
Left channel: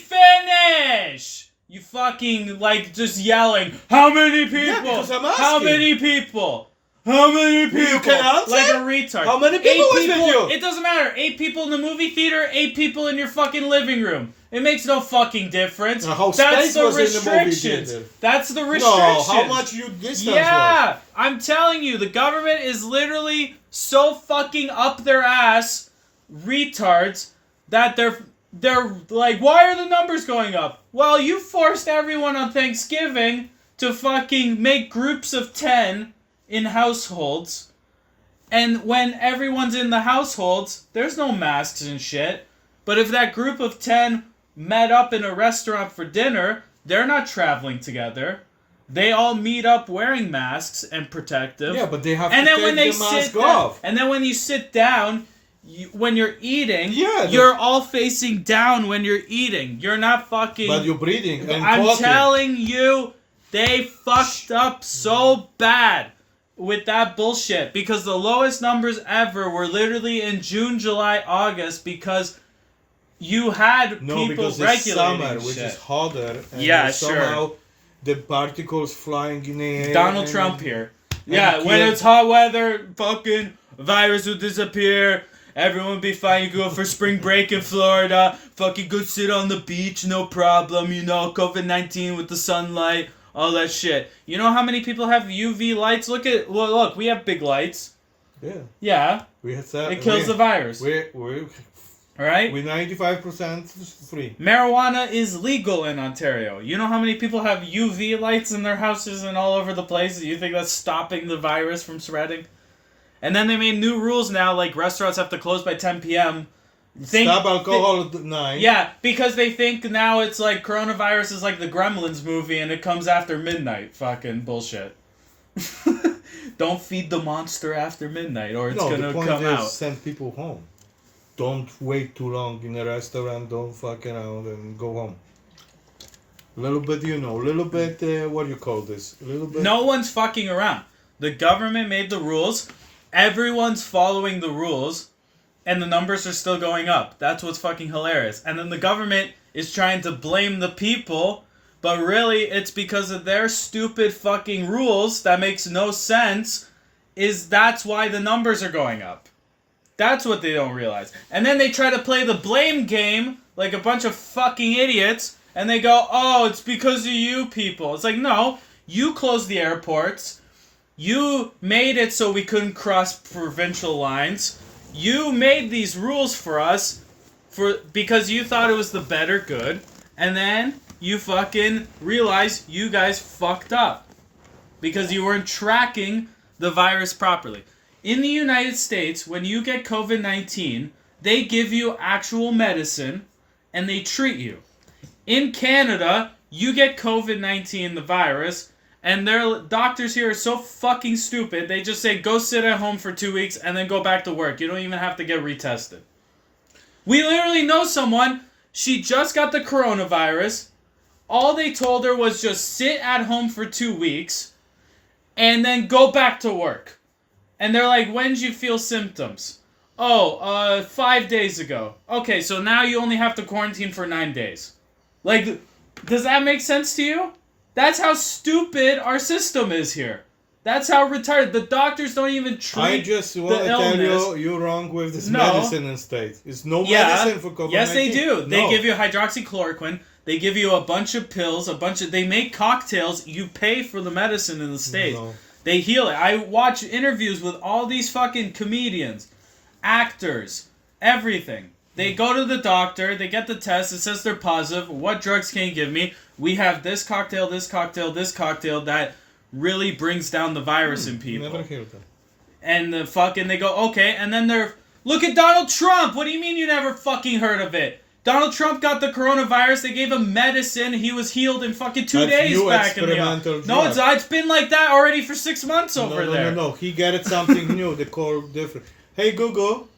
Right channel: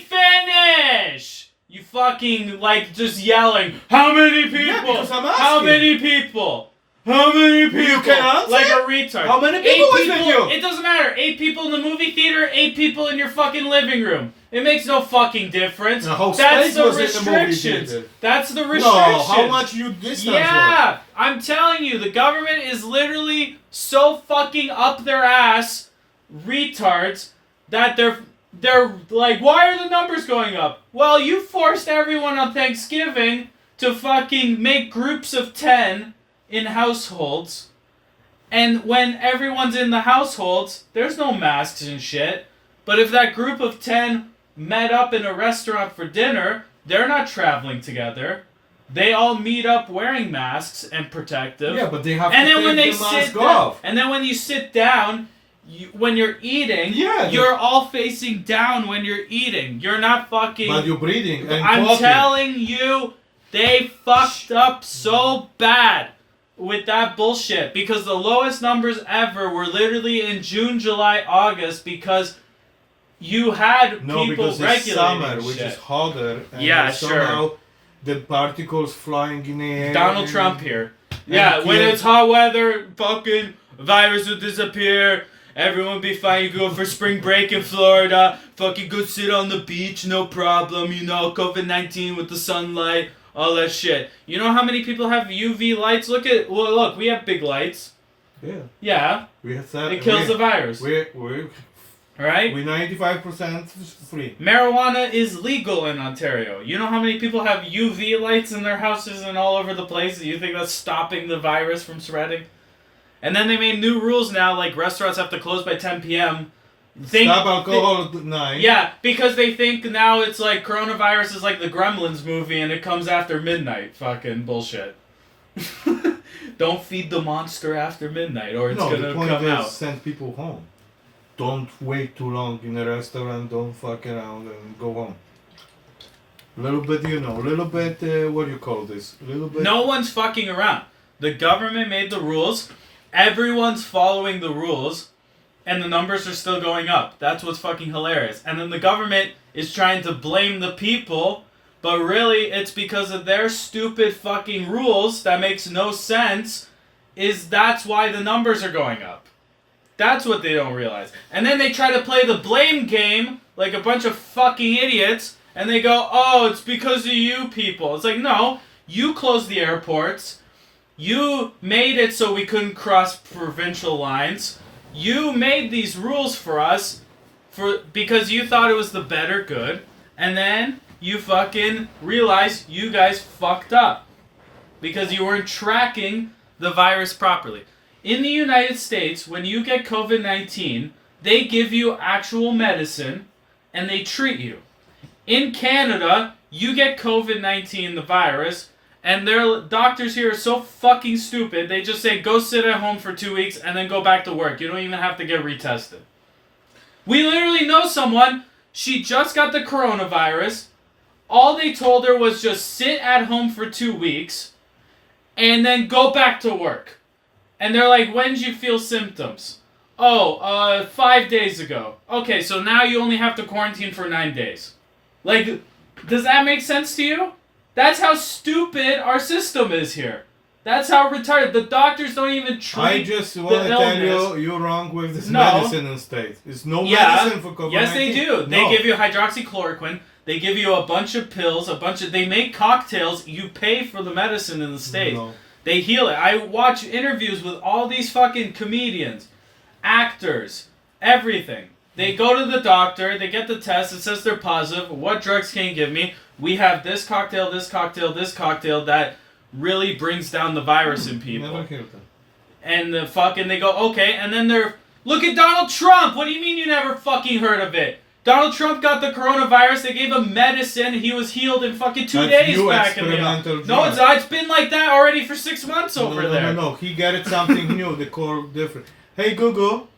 finish. You fucking just yelling. How many people? Yeah, because I'm How asking. many people? How many people? You can answer? Like a retard. How many people was with you? It doesn't matter. 8 people in the movie theater, 8 people in your fucking living room. It makes no fucking difference. The whole That's space the was in the movie restrictions. theater. That's the No, restrictions. how much you distance Yeah, I'm telling you, the government is literally so fucking up their ass, retards, that they're like, why are the numbers going up? Well, you forced everyone on Thanksgiving to fucking make groups of 10 in households. And when everyone's in the households, there's no masks and shit. But if that group of 10 met up in a restaurant for dinner, they're not traveling together. They all meet up wearing masks and protective. Yeah, but they have And to then take when they the mask sit off. down, and then when you sit down, when you're eating, Yeah, you're all facing down when you're eating. You're not fucking... But you're breathing and I'm talking. telling you, they fucked up so bad with that bullshit, because the lowest numbers ever were literally in June, July, August, because you had No, people because it's regulating summer, which shit. is hotter. And Yeah, somehow the particles flying in the air. Donald and- Trump here. and Yeah, when kids- it's hot weather, fucking virus will disappear. Everyone will be fine. You go for spring break in Florida. Fucking go sit on the beach, no problem. You know, COVID-19 with the sunlight, all that shit. You know how many people have UV lights? Look, we have big lights. Yeah. Yeah, We have that. it kills the virus. We're Right? 95% free. Marijuana is legal in Ontario. You know how many people have UV lights in their houses and all over the place? You think that's stopping the virus from spreading? And then they made new rules now, like restaurants have to close by 10 p.m. Stop alcohol at 9. Yeah, because they think now it's like coronavirus is like the Gremlins movie and it comes after midnight. Fucking bullshit. Don't feed the monster after midnight or it's No, gonna the point come is out. send people home. Don't wait too long in a restaurant. Don't fuck around and go home. Little bit, little bit, what do you call this? Little bit. No one's fucking around. The government made the rules. Everyone's following the rules. And the numbers are still going up. That's what's fucking hilarious. And then the government is trying to blame the people. But really, it's because of their stupid fucking rules that makes no sense. That's why the numbers are going up. That's what they don't realize. And then they try to play the blame game like a bunch of fucking idiots. And they go, oh, it's because of you people. It's like, no, you closed the airports. You made it so we couldn't cross provincial lines. You made these rules for us because you thought it was the better good. And then you fucking realized you guys fucked up. Because you weren't tracking the virus properly. In the United States, when you get COVID-19, they give you actual medicine and they treat you. In Canada, you get COVID-19, the virus, And their doctors here are so fucking stupid. They just say, go sit at home for 2 weeks and then go back to work. You don't even have to get retested. We literally know someone, she just got the coronavirus. All they told her was just sit at home for 2 weeks and then go back to work. And they're like, when did you feel symptoms? 5 days ago. Okay, so now you only have to quarantine for 9 days. Like, does that make sense to you? That's how stupid our system is here. That's how retarded. The doctors don't even treat I just want to tell you're wrong with this medicine in States. It's no medicine for COVID-19. Yes, they do. They give you hydroxychloroquine. They give you a bunch of pills, they make cocktails. You pay for the medicine in the States. No. They heal it. I watch interviews with all these fucking comedians, actors, everything. They go to the doctor, they get the test, it says they're positive. What drugs can you give me? We have this cocktail, this cocktail, this cocktail that really brings down the virus in people. Never heard that. And they go, okay, and then look at Donald Trump! What do you mean you never fucking heard of it? Donald Trump got the coronavirus, they gave him medicine, he was healed in fucking 2 days back in the No, it's been like that already for 6 months over there. No, he got it something new, they call different. Hey Google,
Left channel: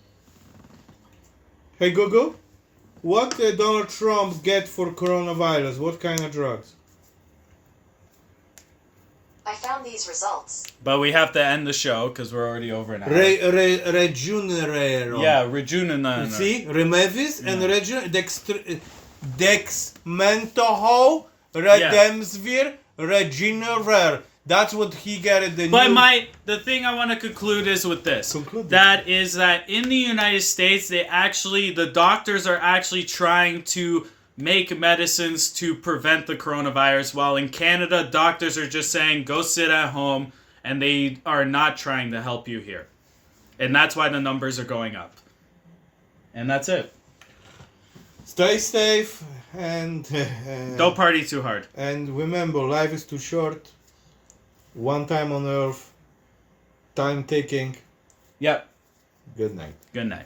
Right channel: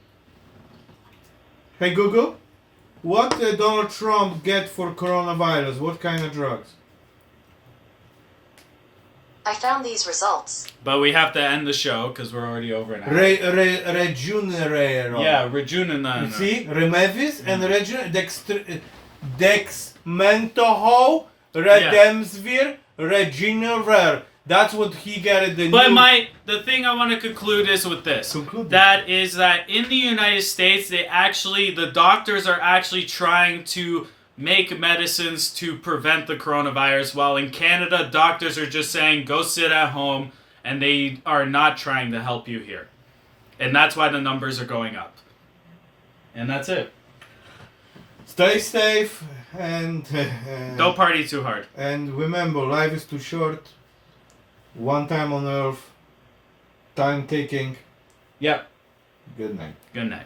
what did Donald Trump get for coronavirus? What kind of drugs? I found these results. But we have to end the show because we're already over an hour. Regenerero. Yeah, Rejuvenate. See, Remevis and Dexmentoho, Redemsvir, Regenerer. That's what he got at the the thing I want to conclude is with this. That in the United States, the doctors are actually trying to make medicines to prevent the coronavirus, while in Canada, doctors are just saying, go sit at home, and they are not trying to help you here. And that's why the numbers are going up. And that's it. Stay safe and... don't party too hard. And remember, life is too short. One time on Earth. Time ticking. Yep. Good night. Good night.